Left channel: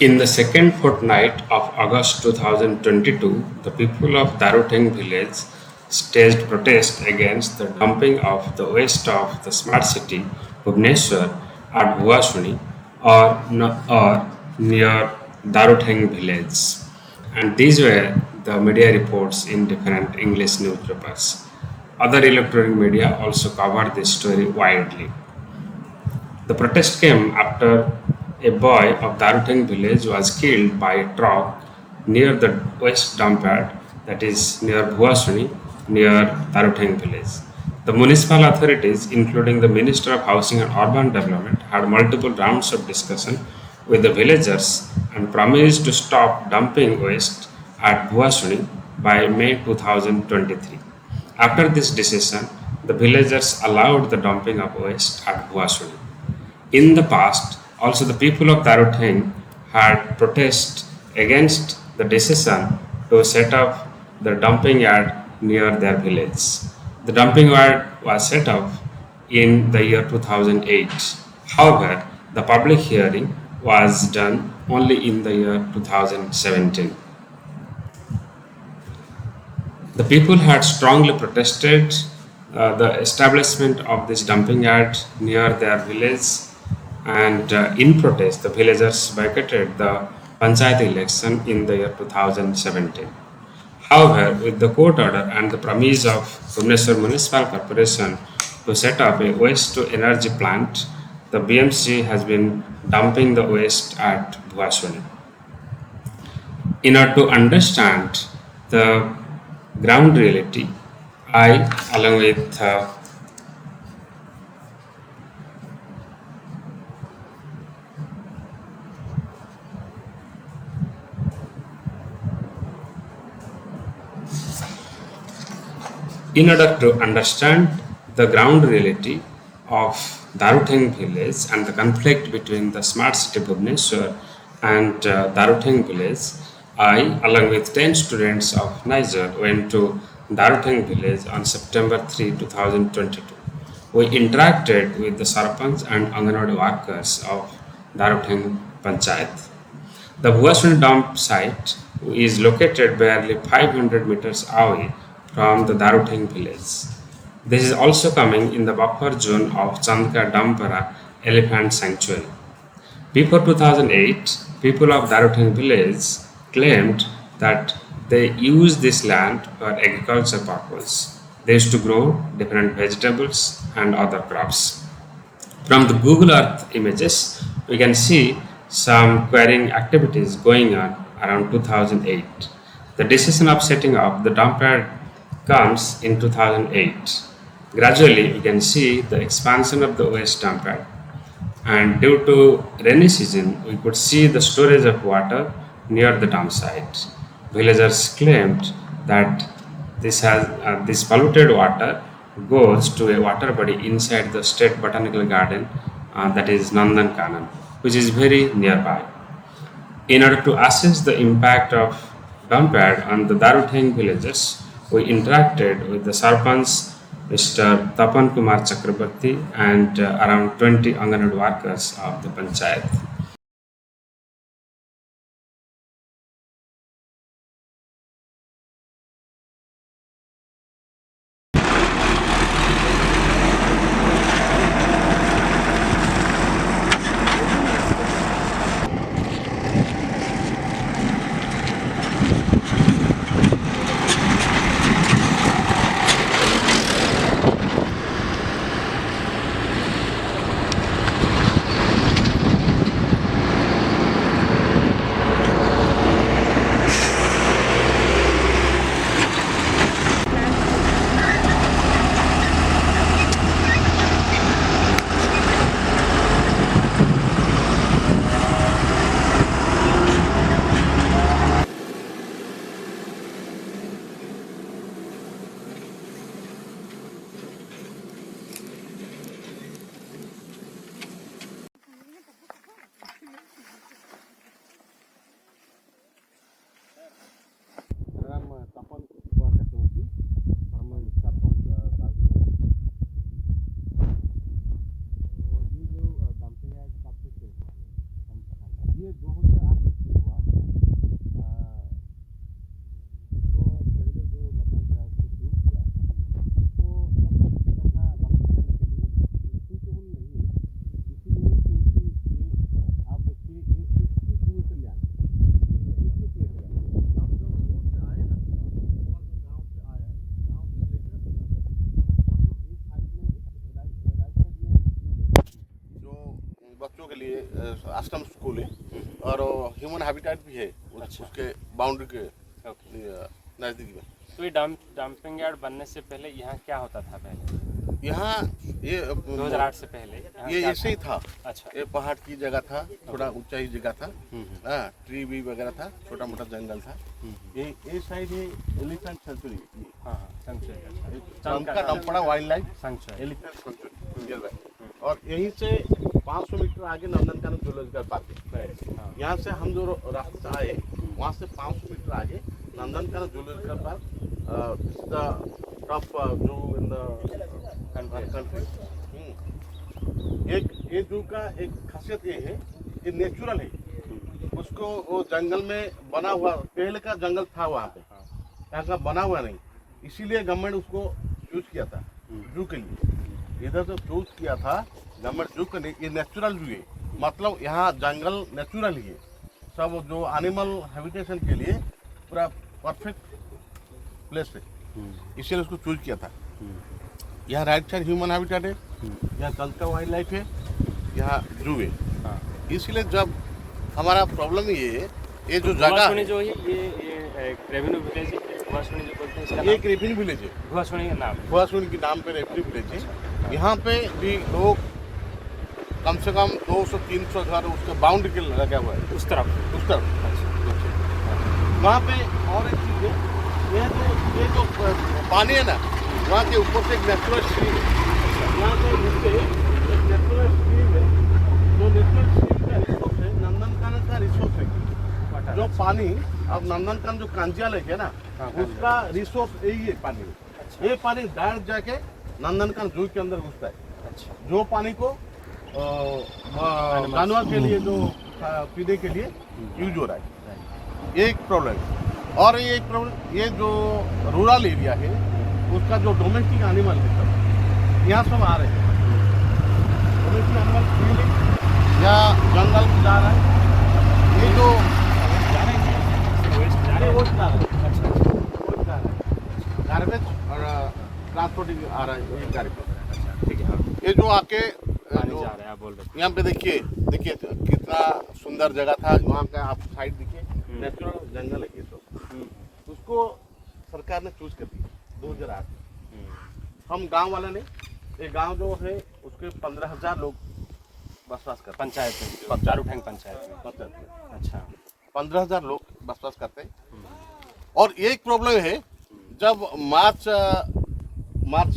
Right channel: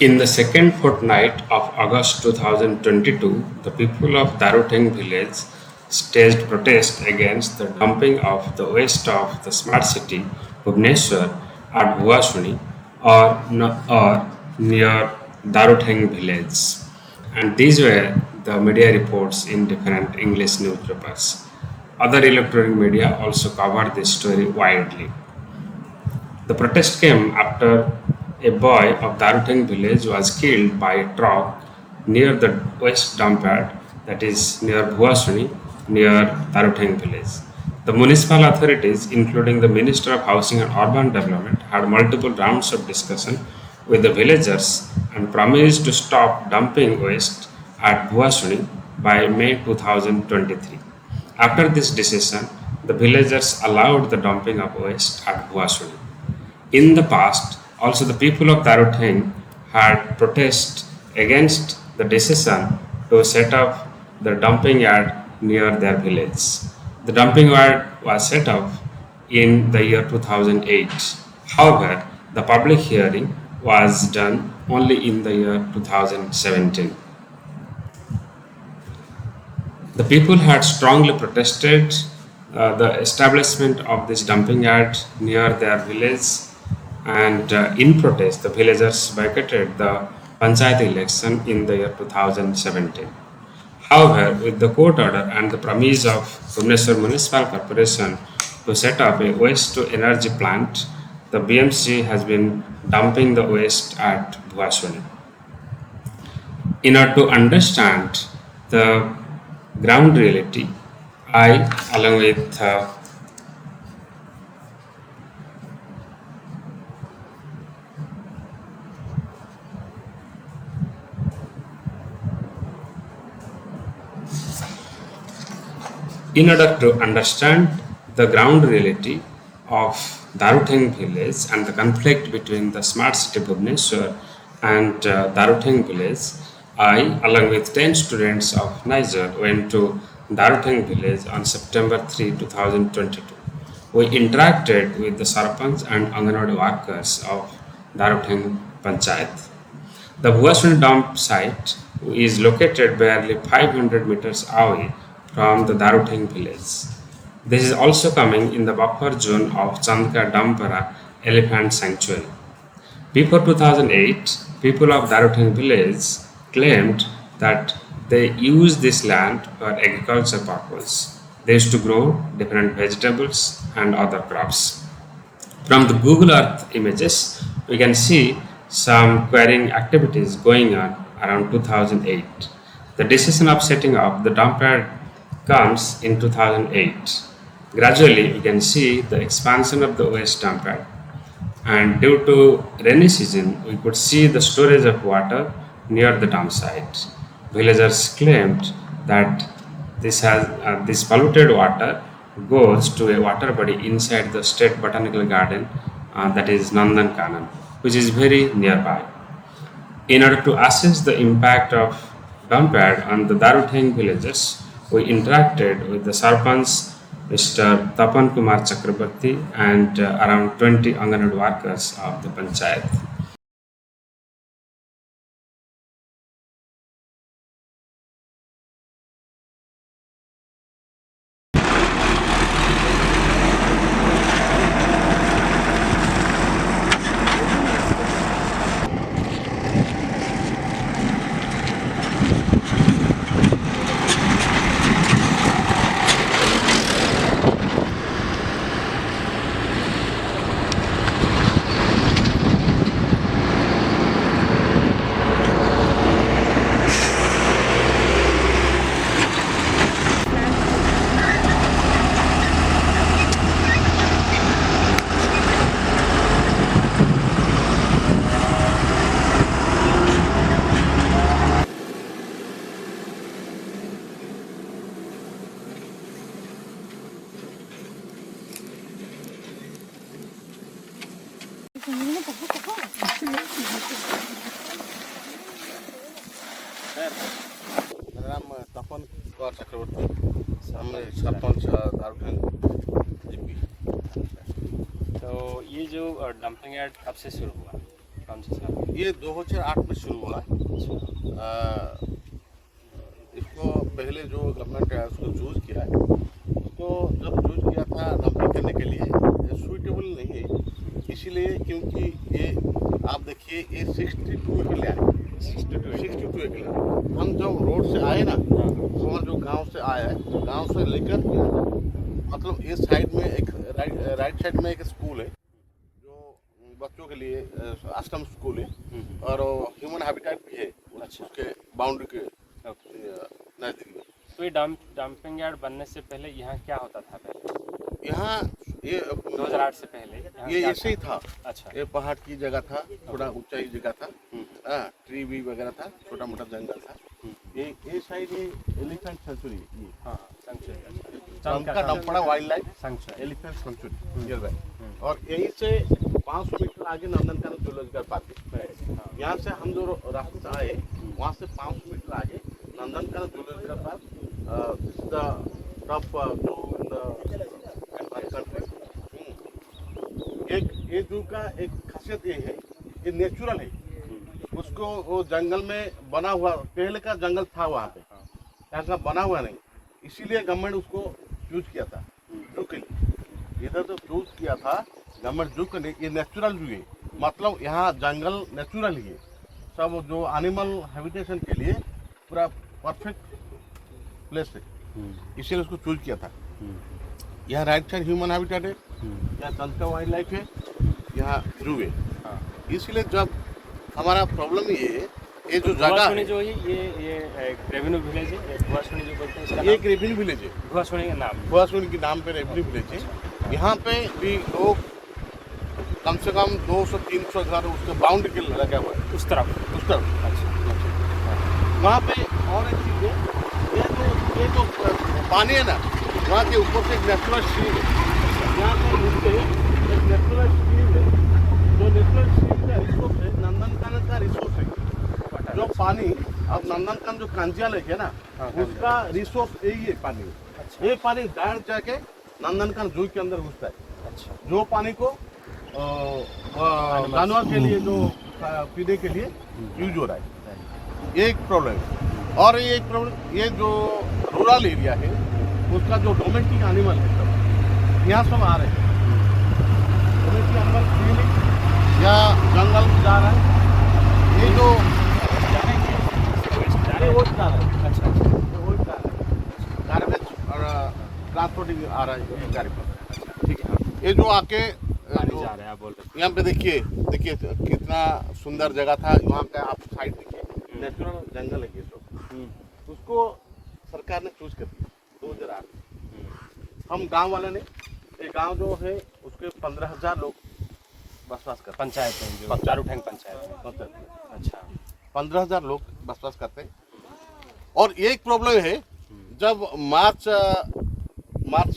In the second fortnight of August 2022, the people of Daruteng village staged protest against the dumping of the waste of the smart city Bhubaneswar at Bhuasuni or near Daruteng village. And these were the media reports in different English newspapers. Other electronic media also covered this story widely. The protest came after a boy of Daruteng village was killed by a truck near the West Dumpyard, that is near Bhuasuni, near Daruteng village. The municipal authorities, including the Minister of Housing and Urban Development, had multiple rounds of discussion with the villagers and promised to stop dumping waste at Bhuasuni by May 2023. After this decision, the villagers allowed the dumping of waste at Bhuasuni. In the past, also the people of Daruteng had protested against the decision to set up the dumping yard near their village. The dumping yard was set up in the year 2008. However, the public hearing was done only in the year 2017. The people had strongly protested the establishment of this dumping yard near their village, and in protest, the villagers boycotted the panchayat election in the year 2017. However, with the court order and the promise of Bhubaneswar Municipal Corporation to set up a waste to energy plant, the BMC has been dumping the waste at Bhuasuni. In order to understand the ground reality, I, along with in order to understand the ground reality of Daruteng village and the conflict between the smart city Bhubaneswar and Daruteng village, I, along with 10 students of Niger, went to Daruteng village on September 3, 2022. We interacted with the Sarpanch and Anganwadi workers of Daruteng Panchayat. The Bhuasuni dump site is located barely 500 meters away from the Daruteng village. This is also coming in the buffer zone of Chandka Dampara Elephant Sanctuary. Before 2008, people of Daruteng village claimed that they used this land for agriculture purpose. They used to grow different vegetables and other crops. From the Google Earth images, we can see some quarrying activities going on around 2008. The decision of setting up the dump yard comes in 2008. Gradually, we can see the expansion of the waste dump yard, and due to rainy season, we could see the storage of water near the dump site. Villagers claimed that this polluted water goes to a water body inside the state botanical garden, that is Nandan Kanan, which is very nearby. In order to assess the impact of dump yard on the Daruteng villagers, we interacted with the Sarpanch, Mr. Tapan Kumar Chakrabarti, and around 20 Anganwadi workers of the Panchayat. मेरा नाम तपन कुमार चक्रवर्ती, सामने sarpanch दारुठेंग GP. तो ये जो dumping yard कब से शुरू हुआ, कौन कौन से साल? ये 2008 में शुरू हुआ। इसको पहले जो गवर्नमेंट है उसको चूज किया है, तो जब चूज किया था डंपिंग करने के लिए सूटेबल नहीं है, इसीलिए क्योंकि ये आप देखिए ये 62 एकड़ लैंड है। 62 एकड़। हम जब रोड से आए ना, और जो गांव से आया है, गांव से लेकर मतलब इस साइड में एक राइट साइड में एक स्कूल है जो बच्चों के लिए आश्रम स्कूल है, और ह्यूमन हैबिटेट भी है उसके बाउंड्री के नज़दीक में। तो ये डंपिंग यार्ड बनने से पहले यहाँ क्या होता था पहले? यहाँ ये 2008 से पहले यहाँ ये क्या ऐसे ही था। अच्छा। ये पहाड़ की जगह था, थोड़ा ऊंचाई जगह था, ट्री भी वगैरह था, छोटा मोटा जंगल था। ये साइड ये एलिफेंट सेंचुरी, ये हाँ सेंचुरी का Dampara wildlife sanctuary. Elephant sanctuary nearby. और यहीं से 500 मीटर आगे नंदनकानन जूलॉजिकल पार्क है। यहाँ से हम जो रास्ते से आए वहाँ से 500 मीटर आगे नंदनकानन जूलॉजिकल पार्क, कंट्री। एक ये जू का एक खासियत ये है, ये नेचुरल है। उसको वो जंगल में बना हुआ, पहले का जंगल था वहाँ पे, यहाँ का बना हुआ नहीं, इसीलिए गवर्नमेंट उसको चूज किया था जू के लिए। इधर जो चूज किया था गवर्नमेंट जू के लिए, ये नेचुरल जू है, मतलब यहाँ जंगल नेचुरल ही है, सब जो एनिमल हैबिटेशन के लिए पूरा परफेक्ट प्लेस है, इसीलिए उसको चूज किया था। यहाँ राइट साइड ह्यूमन हैबिटेट है, यहाँ तंत्र वाइल्ड लाइफ है, यहाँ जू है। इसलिए जब हमारा प्रॉब्लम ये है, ये जो जगह है जो ये रेवेन्यू विलेज है, धुआंसुनी जो बोलते हैं इसका ये एक रेवेन्यू विलेज है, धुआंसुनी का नाम। धुआंसुनी के नाम पे रेवेन्यू विलेज है। यहाँ पे भी लोग कम से कम 200-300 घर उसके बाउंड्री के लगा हुआ है उस तरफ। अच्छा। वहाँ पे और एक चीज़ है, ये तो पानी है ना, वहाँ के ऊपर से एक नेचुरल स्ट्रीम है, वहाँ के नीचे एक नेचुरल स्ट्रीम है। वो नेचुरल स्ट्रीम का रिसोर्स है, नंदनकानन का रिसोर्स है। जो पानी अब नंदनकानन जो कांजिया लेक है ना, उसका रिसोर्स यही है पानी। ये पानी डायरेक्ट जाके नंदनकानन जू के अंदर घुसता है। अच्छा। जो पानी को जानवर के लिए जो पीने के लिए यूज हो रहा है, ये एक प्रॉब्लम है। और ये एक प्रॉब्लम, ये जो रूरल एरिया है उसका जो डोमेस्टिक एनिमल है सब यहाँ सब आ रहे हैं। डोमेस्टिक एनिमल फ्रीली या जंगल में जा रहा है, ये जो ये वो जा रहा है। अच्छा वो जा रहा है, गार्बेज और ट्रांसपोर्टिंग आ रहा है ये गाड़ी। ठीक है, ये जो आके जो यहाँ पे देखिए कितना सुंदर जगह था, वहाँ का आप साइड देखिए, नेचुरल जंगल है ये सब। उसको सरकार ने चूज कर दिया 2008। हम गांव वाले ने, ये गांव जो है उसके 15,000 लोग बसवास करते हैं। पंचायत में, दारूठैंग पंचायत में। अच्छा। 15,000 लोग बसवास करते हैं। और एक प्रॉब्लम है, जब मार्च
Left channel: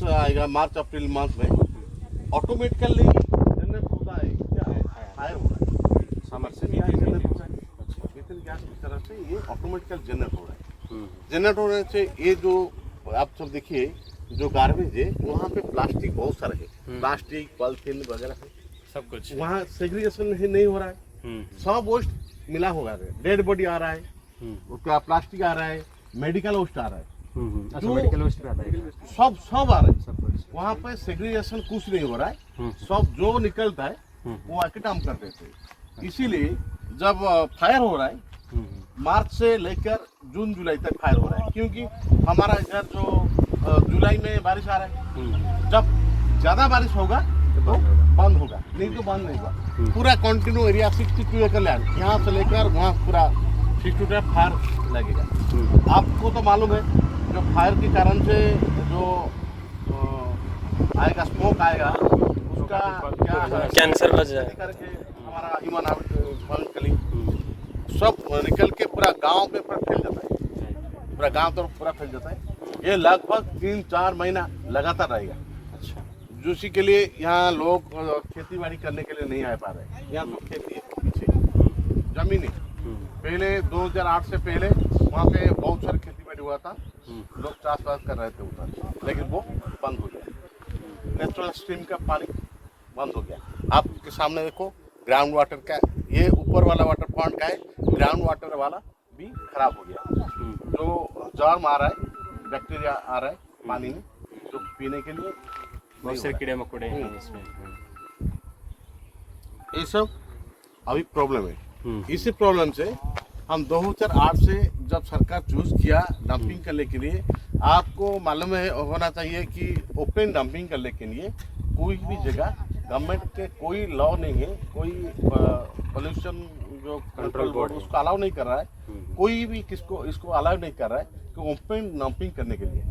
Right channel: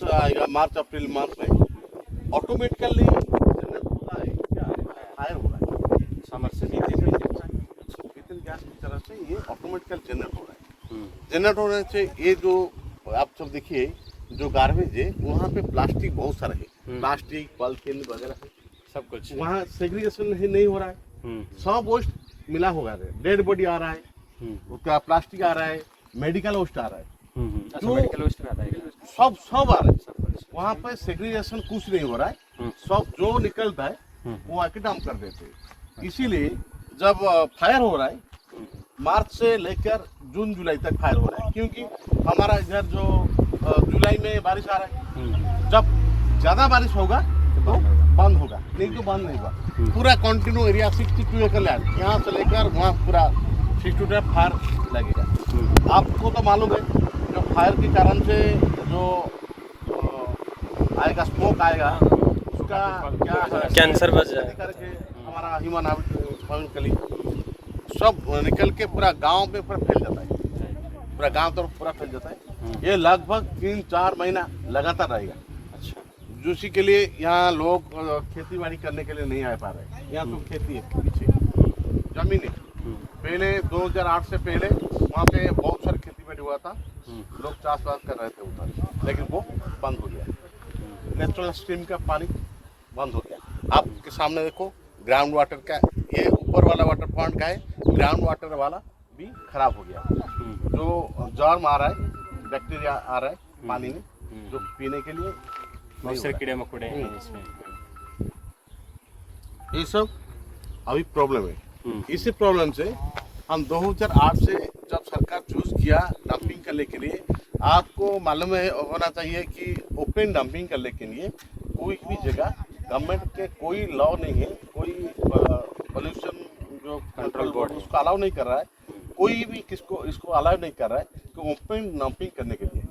आएगा, मार्च अप्रैल मंथ में ऑटोमेटिकली जनरेट होता है, क्या है, फायर हो रहा है, मिथेन गैस की तरह से ये ऑटोमेटिकल जनरेट हो रहा है। जनरेट होने से ये जो आप सब देखिए जो गार्बेज है, वहाँ पे प्लास्टिक बहुत सारे है, प्लास्टिक पॉलिथीन वगैरह सब कुछ वहाँ सेग्रीगेशन नहीं हो रहा है, सब वेस्ट मिला होगा, डेड बॉडी आ रहा है, क्या प्लास्टिक आ रहा है, मेडिकल वेस्ट आ रहा है, जो मेडिकल वेस्ट में आता है, सब आ रहा है। वहाँ पे सेग्रीगेशन कुछ नहीं हो रहा है, सब जो निकलता है वो आके डंप कर देते हैं। इसीलिए जब फायर हो रहा है, मार्च से लेकर जून जुलाई तक फायर हो रहा है, क्योंकि हमारा इधर जो जुलाई में बारिश आ रहा है, जब ज़्यादा बारिश होगा तो बंद होगा, नहीं तो बंद नहीं होगा। पूरा कंटिन्यू एरिया 62 एकड़ लैंड, यहाँ से लेकर वहाँ पूरा 62 एकड़ फायर लगेगा। आपको तो मालूम है जो फायर के कारण से जो आएगा, स्मोक आएगा, उसका क्या है, कैंसर बच जाए करके हमारा ह्यूमन हैबिटेट सब निकल के पूरा गांव में पूरा फैल जाता है, पूरा गांव तरफ पूरा फैल जाता है। ये लगभग 3-4 महीना लगातार रहेगा। अच्छा। जिसी के लिए यहाँ लोग खेती बाड़ी करने के लिए नहीं आ पा रहे। यहाँ तो खेती है, पीछे जमीन है। पहले 2008 से पहले वहाँ पे बहुत सारी खेती बाड़ी हुआ था, लोग चाष-बास कर रहे थे उधर, लेकिन वो बंद हो गया। नेचुरल स्ट्रीम का पानी बंद हो गया। आपके सामने देखो, ग्राउंड वाटर का ये ऊपर वाला वाटर पॉइंट का है, ग्राउंड वाटर वाला भी खराब हो गया। जो जर्म आ रहा है, बैक्टीरिया आ रहा है पानी में, जो पीने के लिए बहुत नहीं हो से रहा कीड़े मकोड़े हैं इसमें। है। ये सब अभी प्रॉब्लम है। इसी प्रॉब्लम से हम 2008 से जब सरकार चूज किया डंपिंग करने के लिए, आपको मालूम है होना चाहिए कि ओपन डंपिंग करने के लिए कोई भी जगह गवर्नमेंट के कोई लॉ नहीं है, कोई पोल्यूशन जो कंट्रोल बोर्ड उसको अलाउ नहीं कर रहा है, कोई भी किसको इसको अलाउ नहीं कर रहा है कि ओपन डंपिंग करने के लिए।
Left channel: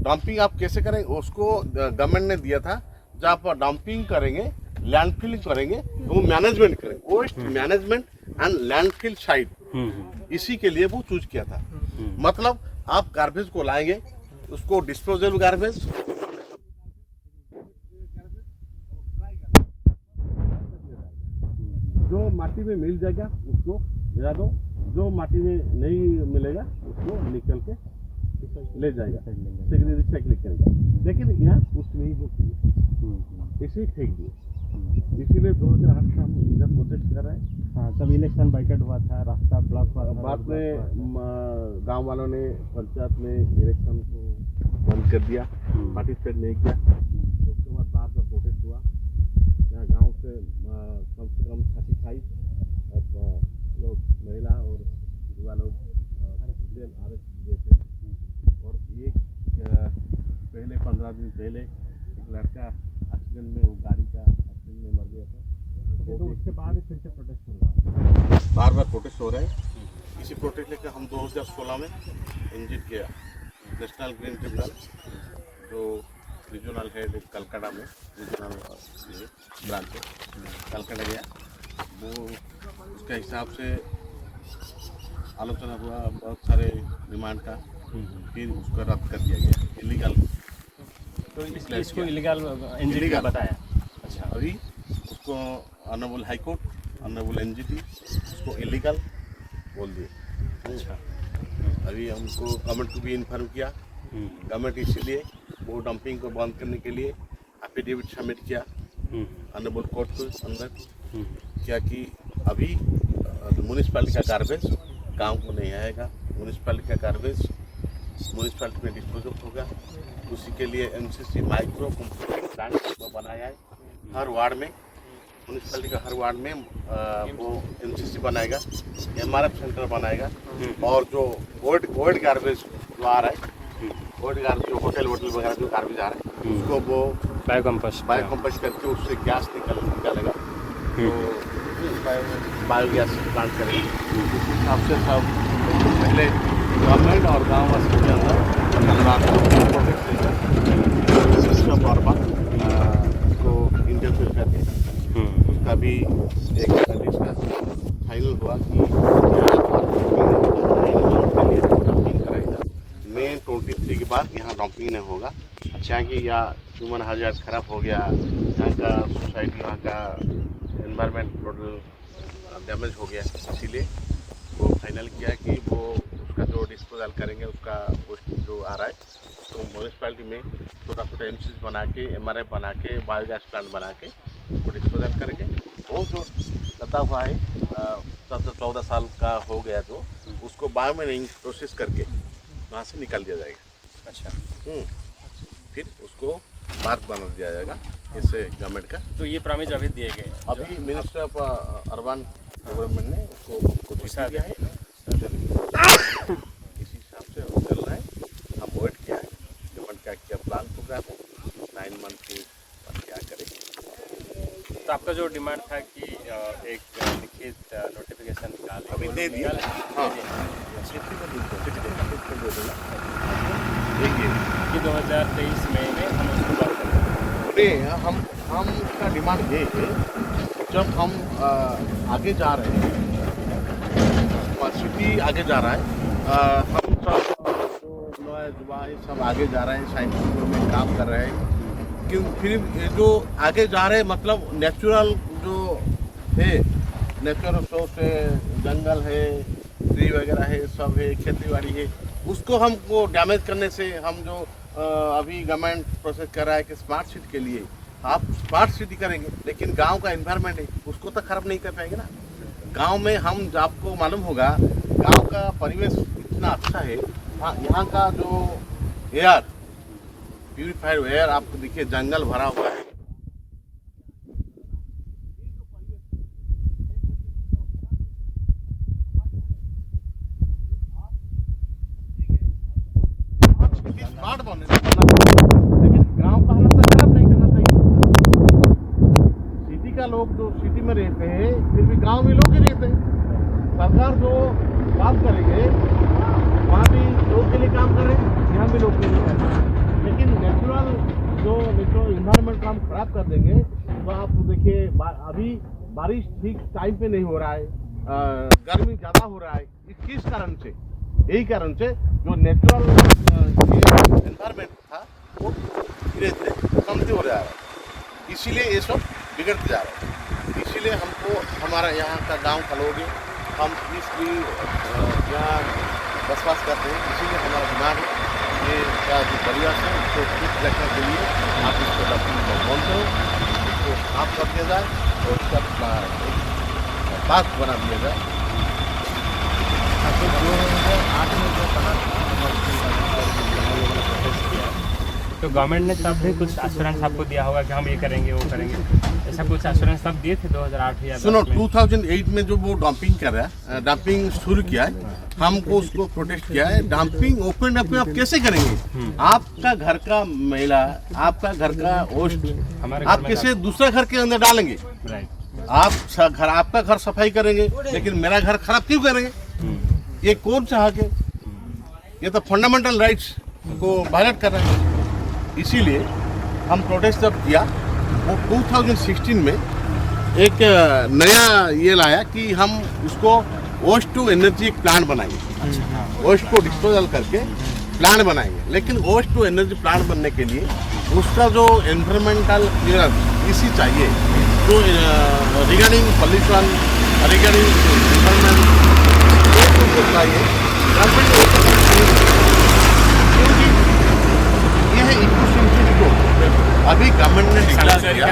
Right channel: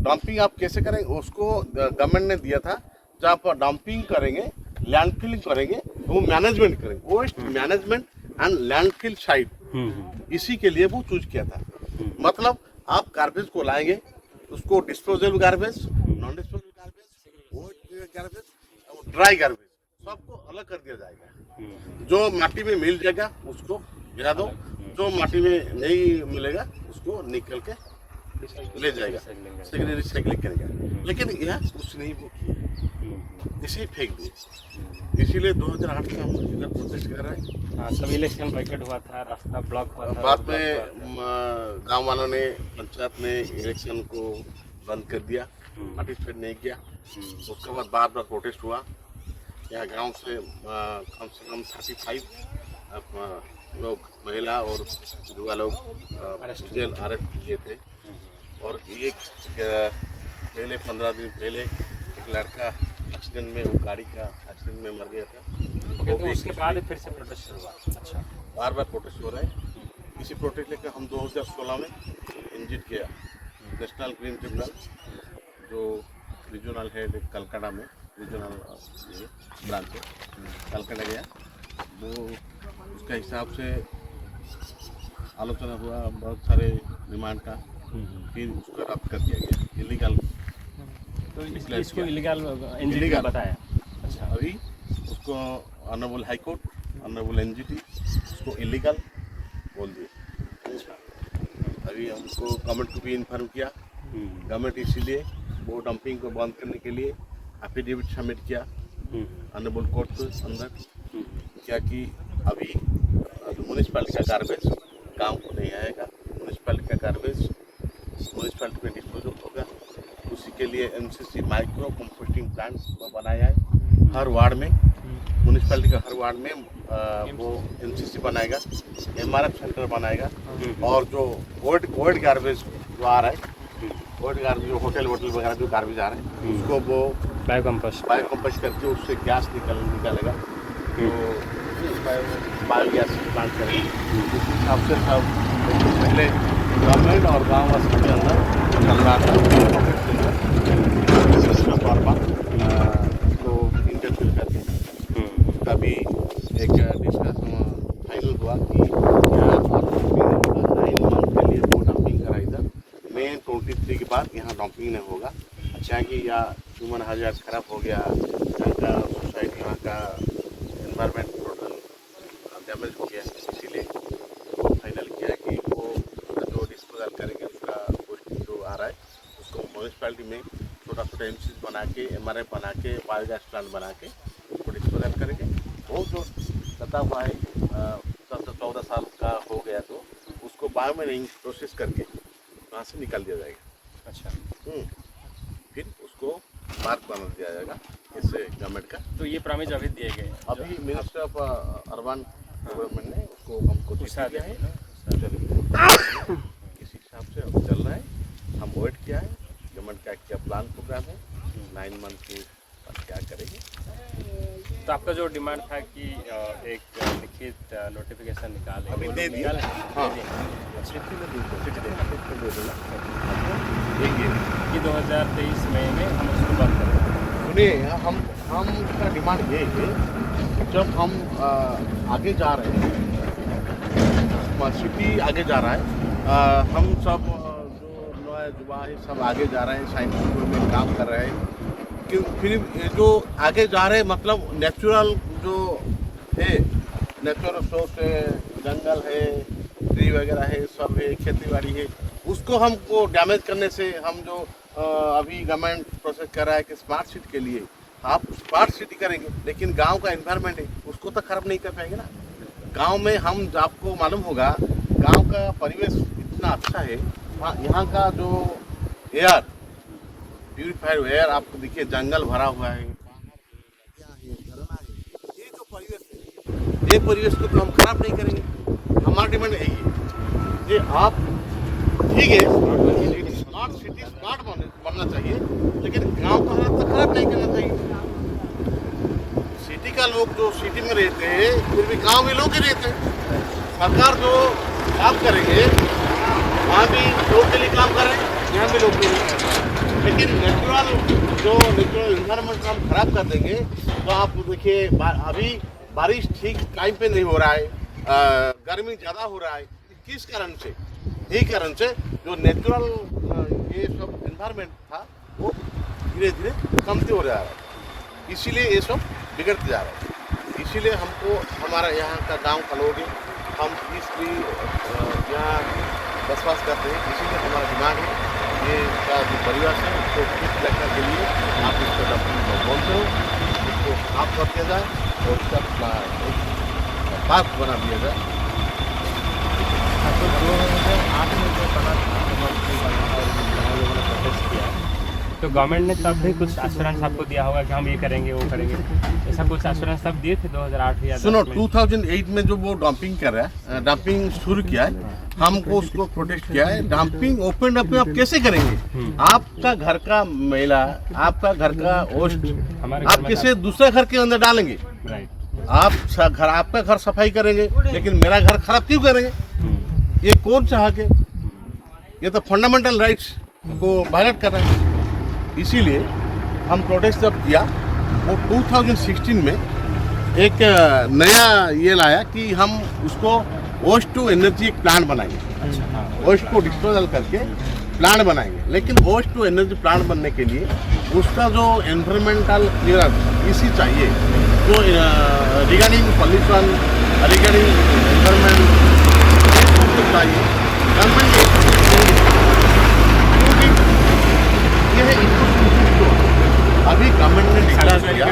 डंपिंग आप कैसे करेंगे, उसको गवर्नमेंट ने दिया था, जहाँ पर डंपिंग करेंगे, लैंडफिलिंग करेंगे, वो मैनेजमेंट करेंगे, waste management and landfill site, इसी के लिए वो चूज किया था। मतलब आप गार्बेज को लाएंगे, उसको disposable garbage, garbage, dry garbage सबको अलग कर दिया जाएगा। जो माटी में मिल जाएगा उसको गिरा दो, जो माटी में नहीं मिलेगा उसको निकल के ले जाएगा, रिसाइकलिंग करेगा। लेकिन यहाँ कुछ नहीं वो किया, इसे फेंक दिए। इसीलिए 2008 से हम इधर प्रोटेस्ट कर रहे हैं। हाँ, सब इलेक्शन बाइकआउट हुआ था, रास्ता ब्लॉक हुआ था। बाद में गांव वालों ने, पंचायत ने इलेक्शन को बंद कर दिया, पार्टिसिपेट नहीं किया। उसके बाद बार बार प्रोटेस्ट हुआ। यहाँ गांव से कम 35 लोग, महिला और युवा लोग जेल अरेस्ट किए थे। और एक पहले 15 दिन पहले एक लड़का एक्सीडेंट में, वो गाड़ी का एक्सीडेंट में मर गया था। तो उसके बाद फिर से प्रोटेस्ट शुरू हुआ। बार बार प्रोटेस्ट हो रहा है। इसी प्रोटेस्ट लेकर हम 2016 में इंजिट किया नेशनल ग्रीन ट्रिब्यूनल, जो रीजनल है कलकत्ता में, रीजनल ब्रांच है, कलकत्ता गया। वो उसका हिसाब से आलोचना हुआ, बहुत सारे डिमांड का, फिर उसका रद्द कर दिया गया, इलीगल। तो इसको इलीगल बताया। अच्छा, अभी उसको honourable high court, honourable NGT उसको इलीगल बोल दिए। अभी हमको गवर्नमेंट को भी इन्फॉर्म किया। गवर्नमेंट इसीलिए वो डंपिंग को बंद करने के लिए एफिडेविट सबमिट किया ऑनरेबल कोर्ट के अंदर, क्या कि अभी म्यूनिसिपैलिटी का गार्बेज गांव को नहीं आएगा, म्यूनिसिपैलिटी का गार्बेज म्यूनिसिपैलिटी में डिस्पोजल होगा। उसी के लिए एमसीसी माइक्रो कंपोस्टिंग प्लांट बनाया है हर वार्ड में, म्यूनिसिपैलिटी का हर वार्ड में वो एमसीसी बनाएगा, एमआरएफ सेंटर बनाएगा। और जो ओल्ड गार्बेज जो आ रहा है, ओल्ड गार्बेज जो होटल वगैरह जो गार्बेज आ रहा है, उसको वो बायोकम्पोस्ट करके उससे गैस निकलेगा, बायोगैस प्लांट करेंगे। उस हिसाब से सब पहले गवर्नमेंट और गाँववासी के अंदर उसका तौर पर उसको इंटरफेयर करके उसका भी एक डिस्कस फाइनल हुआ कि यहाँ के लिए डंपिंग कराएगा। मई 23 के बाद यहाँ डंपिंग नहीं होगा, चाहे या ह्यूमन हाजार्ड खराब हो गया, यहाँ का सोसाइटी, वहाँ का एनवायरनमेंट टोटल डैमेज हो गया। इसीलिए वो फाइनल किया कि वो जो डिस्पोजल करेंगे उसका जो आ रहा है उसको म्यूनिसिपैलिटी में छोटा छोटा एमसीसी बना के, एमआरएफ बना के, बायोगैस प्लांट बना के उसको डिस्पोजल करेंगे। वो जो लता हुआ है 14 साल का हो गया, तो उसको बायोमाइनिंग प्रोसेस करके वहाँ से निकाल दिया जाएगा। अच्छा, फिर उसको मार्क बना दिया जाएगा इससे गवर्नमेंट का। तो ये प्रॉमिस अभी दिए गए हैं। अभी मिनिस्टर ऑफ अर्बन डेवलपमेंट ने उसको हमको दिया है। इस हिसाब से चल रहा है। हम वेट किया है गवर्नमेंट का क्या प्लान प्रोग्राम है, 9 मंथ के बाद क्या करेंगे। तो आपका जो डिमांड था कि एक लिखित नोटिफिकेशन निकालें, अभी दे दिया। हाँ, चिट्ठी में दे दूँगा आपको, देंगे कि 2023 मई में हम उसको बंद करेंगे। हम का डिमांड ये है, जब हम आगे जा रहे हैं, सिटी आगे जा रहा है, हम सब जो युवा है सब आगे जा रहे हैं, साइंटिफिक वे में काम कर रहे हैं। कि फिर जो आगे जा रहे हैं मतलब नेचुरल जो है, नेचुरल सोर्स है, जंगल है, ट्री वगैरह है, सब है, खेती बाड़ी है, उसको हमको डैमेज करने से हम जो अभी गवर्नमेंट प्रोसेस कर रहा है कि स्मार्ट सिटी के लिए आप स्मार्ट सिटी करेंगे, लेकिन गांव का एनवायरनमेंट है उसको तो खराब नहीं कर पाएंगे ना। गांव में हम आपको मालूम होगा गांव का परिवेश इतना अच्छा है। यहाँ का जो एयर प्यूरिफाइड एयर आपको देखिए, जंगल भरा हुआ है, ये जो परिवेश है, ये परिवेश को तो हम खराब नहीं करेंगे। हमारा डिमांड यही है कि आप ठीक है स्मार्ट सिटी स्मार्ट बनना चाहिए, लेकिन गांव का हालत तो खराब नहीं करना चाहिए। सिटी का लोग जो सिटी में रहते हैं फिर भी गांव में लोग ही रहते हैं। सरकार जो काम करेंगे वहाँ भी लोग के लिए काम कर रहे हैं, यहाँ भी लोग के लिए, लेकिन नेचुरल इन्वायरमेंट को हम खराब कर देंगे तो आप देखिए अभी बारिश ठीक टाइम पे नहीं हो रहा है, गर्मी ज़्यादा हो रहा है। किस कारण से? यही कारण से जो नेचुरल ये एनवायरनमेंट था वो धीरे धीरे कमती हो जा रहा है, इसीलिए ये सब बिगड़ते जा रहा है। इसीलिए हमको हमारा यहाँ का गांव का लोग हम पीसली यहाँ बसवास करते हैं, इसीलिए हमारा डिमांड है ये का जो परिवार है उसको ठीक रखने के लिए आप उसको डंपिंग बंद करो, उसको साफ कर दिया जाए और उसका एक पार्क बना दिया जाए। तो 2008 में जब बना था, मतलब बना और गाँव लोगों ने प्रोटेस्ट किया, तो गवर्नमेंट ने तब भी कुछ एश्योरेंस आपको दिया होगा कि हम ये करेंगे वो करेंगे, ऐसा कुछ एश्योरेंस तब दिए थे 2008 या 10 सुनो में? 2008 में जो वो डंपिंग कर रहा है, डंपिंग शुरू किया है, हमको उसको प्रोटेस्ट किया है। डंपिंग ओपन डंपिंग आप कैसे करेंगे? आपका घर का मैला, आपका घर का वेस्ट हमारे आप कैसे दूसरे घर के अंदर डालेंगे? राइट। आपका घर सफाई करेंगे लेकिन मेरा घर खराब क्यों करेंगे? ये कौन चाह के? ये तो फंडामेंटल राइट्स को वायलेट कर रहे हैं। इसीलिए हम प्रोटेस्ट जब किया वो 2016 में एक नया ये लाया कि हम उसको वेस्ट टू एनर्जी एक प्लांट बनाएंगे। अच्छा, हाँ, वेस्ट को डिस्पोजल करके प्लांट बनाएंगे, लेकिन वेस्ट टू एनर्जी प्लांट बनने के लिए उसका जो एनवायरमेंटल क्लियरेंस इसी चाहिए, जो रिगार्डिंग पॉल्यूशन, रिगार्डिंग एनवायरमेंट चाहिए। ये है इकोसेंट्रिक जोन। अभी गवर्नमेंट ने डिक्लेयर किया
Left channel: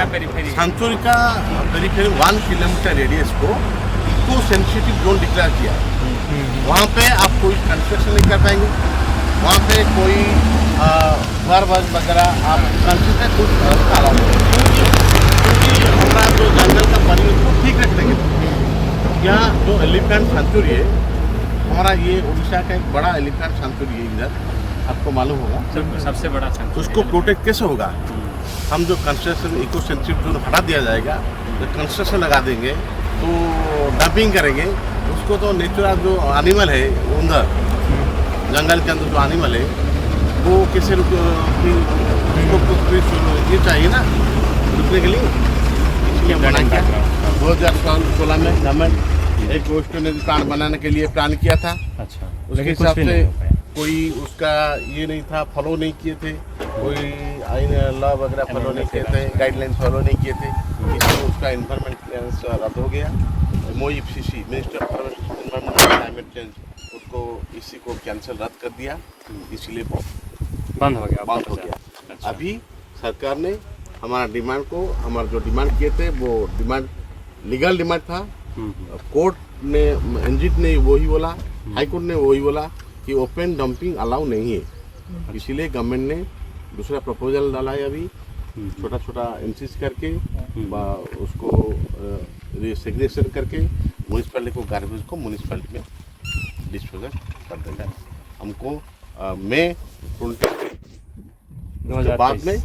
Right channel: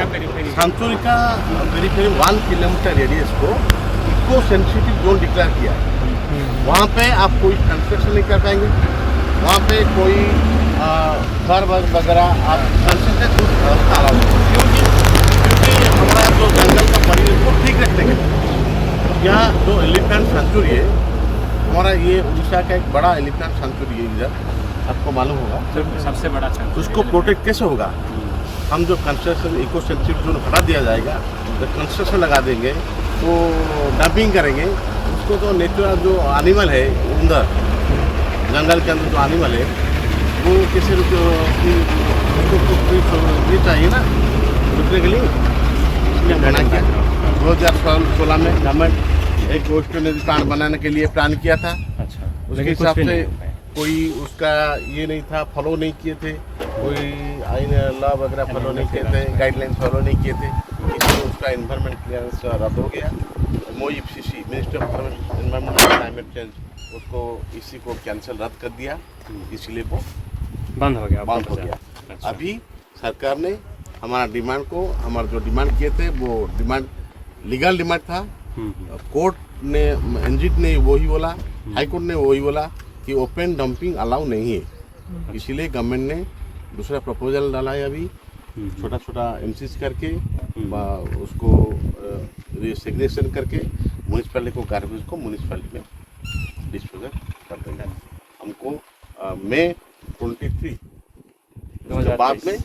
सांचोरी का पेरिफेरी 1 किलोमीटर रेडियस को इको सेंसिटिव जोन डिक्लेयर किया है। वहाँ पे आप कोई कंस्ट्रक्शन नहीं कर पाएंगे, वहाँ पे कोई घर वगैरह आप कंस्ट्रक्शन कुछ अलाउ नहीं। हमारा जो जंगल का परिवेश को ठीक रखने के लिए यहाँ जो एलिफेंट सेंचुरी है हमारा, ये उड़ीसा का एक बड़ा एलिफेंट सेंचुरी है, इधर आपको मालूम होगा सबसे बड़ा उसको प्रोटेक्ट कैसे होगा? हम जो कंस्ट्रक्शन इको सेंसिटिव जोन हटा दिया जाएगा, तो कंस्ट्रक्शन लगा देंगे तो डंपिंग करेंगे उसको, तो नेचुरल जो एनिमल है उधर जंगल के अंदर जो एनिमल है वो कैसे ये चाहिए ना रुकने के लिए, इसलिए बना किया। 2016 में गवर्नमेंट एक वेस्ट एनर्जी प्लांट बनाने के लिए प्लान किया था। अच्छा, उसके हिसाब से कोई उसका ये नहीं था, फॉलो नहीं किए थे, कोई आइन लॉ वगैरह फॉलो नहीं किए थे, गाइडलाइन फॉलो नहीं किए थे, इसलिए उसका इन्वायरमेंट क्लियरेंस रद्द हो गया। MOEFCC minister for environment and climate change उसको इसी को कैंसिल रद्द कर दिया, इसलिए वो बंद हो गया। अच्छा। अभी सरकार ने हमारा डिमांड को, हमारा जो डिमांड किए थे वो डिमांड लीगल डिमांड था। कोर्ट ने, एनजीटी ने वही बोला, हाई कोर्ट ने वही बोला कि ओपन डंपिंग अलाउ नहीं है। इसीलिए गवर्नमेंट ने दूसरा प्रपोजल डाला है अभी, छोटा छोटा एमसीस करके उसको सेग्रीगेशन करके म्यूनिसिपैलिटी को, गार्बेज को म्यूनिसिपैलिटी में डिस्पोजल कर देंगे। हमको मई 23 उसके बाद में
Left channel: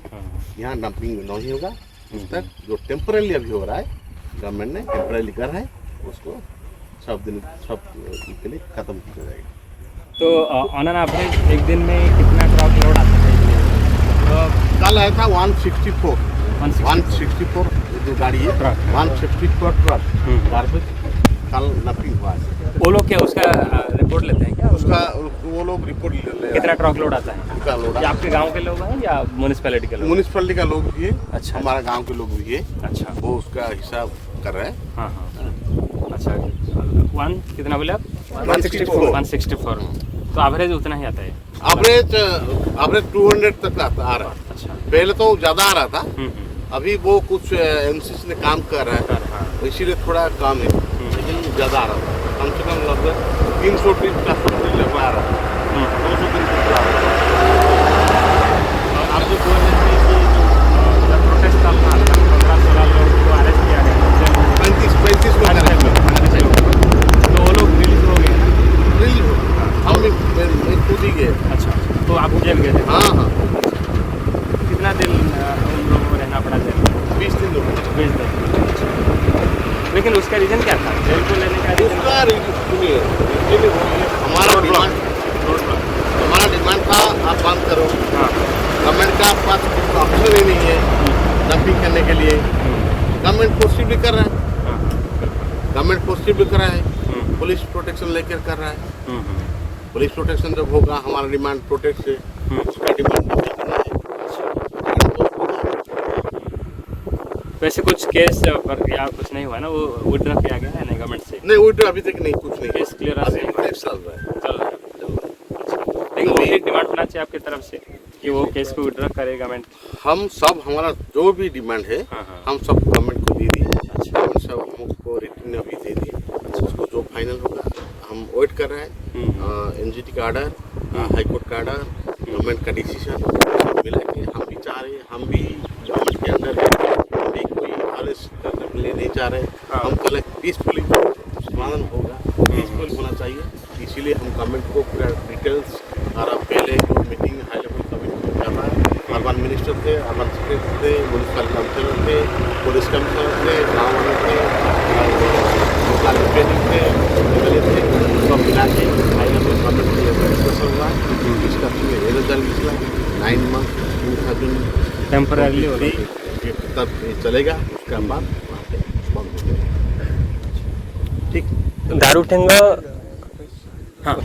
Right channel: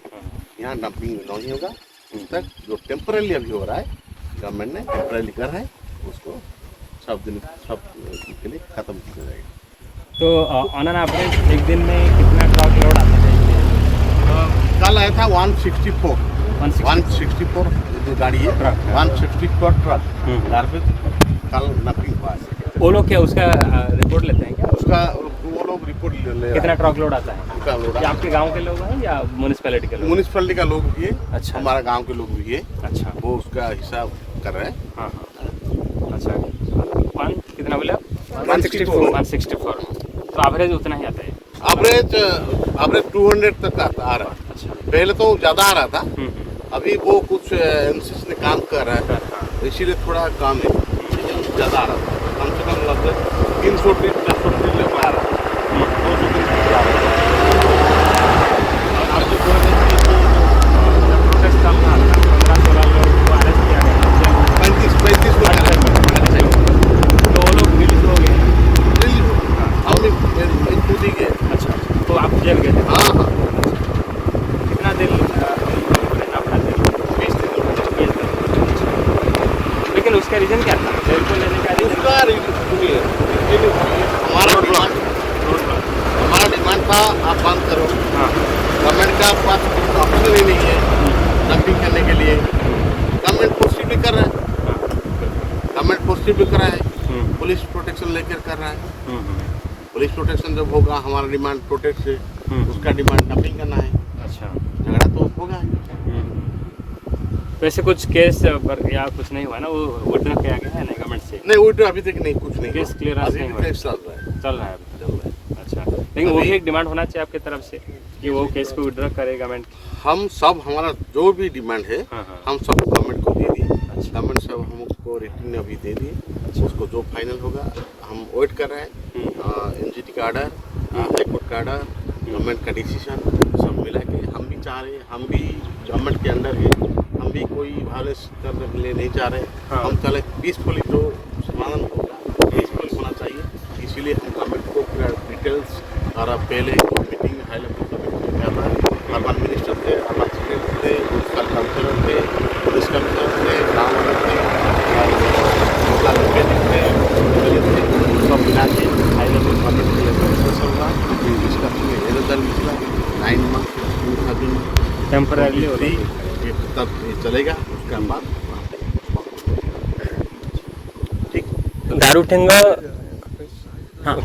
यहाँ डंपिंग नहीं होगा। उस तक जो टेम्पररी अभी हो रहा है, गवर्नमेंट ने टेम्पररी कर रहा है, उसको सब के लिए खत्म किया जाएगा। तो ऑन एन एवरेज एक दिन में कितना ट्रक लोड आता है? कल आया था 164 जो गाड़ी है ट्रक, 164 ट्रक गार्बेज कल डंपिंग हुआ है। वो लोग क्या उसका रिपोर्ट लेते हैं क्या? उसका वो लोग रिपोर्ट ले कितना ट्रक लोड आता है? कितना लोड ये आपके गांव के लोग हैं या म्यूनिसिपैलिटी के लोग? म्यूनिसिपैलिटी का लोग भी है, अच्छा। हमारा गांव के लोग भी है। अच्छा, वो उसका हिसाब कर रहे हैं। हाँ। अच्छा, कितना बोले आप? 164। तो एवरेज उतना ही आता है? एवरेज 200 तक आ रहा है। अच्छा, पहले तो ज़्यादा आ रहा था, अभी वो कुछ एमसीसी ने काम कर रहा है, इसीलिए थोड़ा कम है। ज़्यादा आ रहा था, कम से कम लगभग 300 ट्रिप 400 ट्रिप लेकर आ रहा था, 200 ट्रिप आ रहा था। और आपको जो है प्रोटेस्ट का अपना 15-16 लोग को अरेस्ट किया गया, 35 को अरेस्ट तो वो लोग रिलीज हो गए ना? दिल्ली हो, हम भी मैं खुद ही गए। अच्छा, तो आप जेल गए थे? हाँ हाँ, कितना दिन उन लोगों को रहना पड़ा जेल? 20 दिन हो गए। 20 दिन। लेकिन उसका रीज़न क्या था? जेल को लेने का रीज़न? उसका सुनिए, हमारा डिमांड था आप बंद करो। हाँ। गवर्नमेंट का आपके पास ऑप्शन ही नहीं है नकदी करने के लिए। गवर्नमेंट कोशिश भी कर रहा है, गवर्नमेंट कोशिश भी कर रहा है, पुलिस प्रोटेक्शन लेकर कर रहा है। पुलिस प्रोटेक्शन जब होगा, हमारा डिमांड प्रोटेक्ट है, उसका डिमांड नहीं करना है, तो होगा। वैसे कुछ केस पर या कुछ नहीं हुआ ना, वो विड्रॉ किया गया है नहीं गवर्नमेंट से? नहीं वो तो अभी तक नहीं, कुछ नहीं केस क्लियरेंस नहीं हुआ है? चल रहा है। चल रहा है। अच्छा, लेकिन वो भी एक डिमांड होना चाहिए आपकी तरफ से कि वो केस को विड्रॉ करे गवर्नमेंट। हम सब हमारा जो भी डिमांड है, हाँ, हाँ। हम सब गवर्नमेंट को दे दिए। गवर्नमेंट सब हमको रिटर्न अभी दे दिए, उसको जो फाइनल होगा हम वेट कर रहे हैं। एनजीटी का ऑर्डर, हाई कोर्ट का ऑर्डर, गवर्नमेंट का डिसीजन सब मिला के हम भी चाह रहे हैं, हम भी गवर्नमेंट के अंडर है, हम भी कोई वायलेंस करने के लिए नहीं चाह रहे। हम कल पीसफुली समाधान होगा, पीसफुल होना चाहिए, इसीलिए हम गवर्नमेंट को पूरा डिटेल्स और पहले मीटिंग हाई लेवल कमिटी में करना है। अर्बन मिनिस्टर थे, अर्बन सेक्रेटरी थे, म्यूनसिपल काउंसिलर थे, पुलिस कमिश्नर थे, गाँव वाले थे, लोकल मैकेनिक थे, सब मिला के हाई लेवल गवर्नमेंट के लेवल डिस्कशन हुआ। डिस्कशन में ये रिजल्ट निकला 9 मंथ 2023 टेम्पररी तक ये चलेगा, उसके बाद वहाँ पे बंद हो जाएगा। ठीक, दारूठेंगा। हाँ,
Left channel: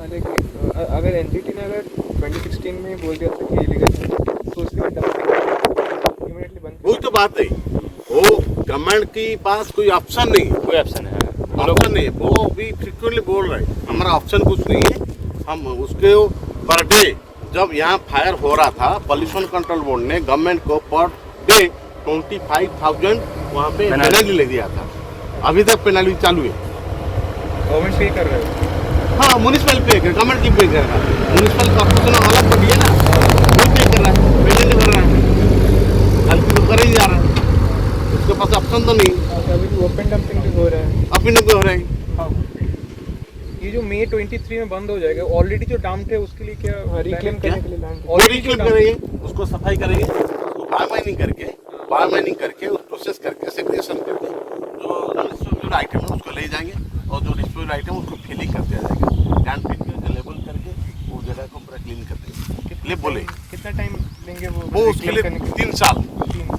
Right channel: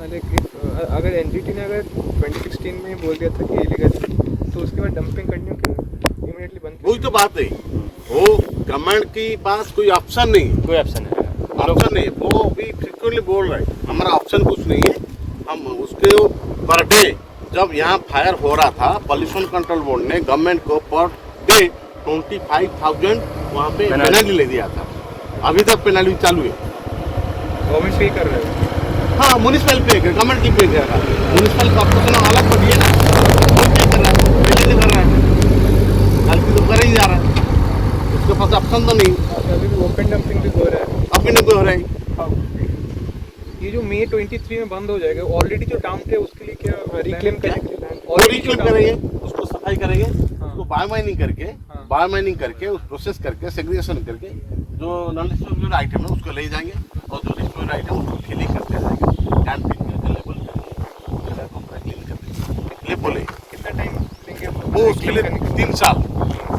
अगर एनजीटी ने अगर 2016 में बोल दिया था कि इलीगल, तो उसके बाद डंपिंग इमीडिएटली बंद। वही तो बात है, वो गवर्नमेंट के पास कोई ऑप्शन नहीं है, कोई ऑप्शन है? ऑप्शन नहीं, वो भी फ्रिक्वेंटली बोल रहे हैं हमारा ऑप्शन कुछ नहीं है। हम उसके पर डे जब यहाँ फायर हो रहा था, पॉल्यूशन कंट्रोल बोर्ड ने गवर्नमेंट को पर डे 25,000 वहाँ पे पेनल्टी ले दिया था। अभी तक पेनल्टी चालू है। गवर्नमेंट पे कर रहे हैं। हाँ, म्यूनिसिपल पे कर, गवर्नमेंट की पे करेगा। म्यूनिसिपल कॉर्पोरेशन अलग पड़ी है ना, वो पे कर रहा है, पेनल्टी नहीं भर रहा है, गलती तो कर ही जा रहा है, उसके पास ऑप्शन तो नहीं। अभी भी ओपन डंपिंग भी हो रहा है। अभी नहीं हो रहा है। ये जो मई 23 में बंद हो जाएगा, ऑलरेडी जो डंप है उसके लिए क्या रिक्लेम करने के लिए लैंड और रिक्लेम करेंगे, उसको सफाई करेंगे, उसको बायोमाइनिंग करके उस प्रोसेस करके सेग्रीगेशन करके जो नॉन आइटम है उसको ले जाएंगे, और जो रिस्टोर्ड आइटम उसको फिलिंग करते जाएगा, कैन फिल करके लेबल करके वो जगह को पूरा क्लीन कर देंगे। ले बोले कितना टाइम लेंगे वो उसके लिए 3 साल,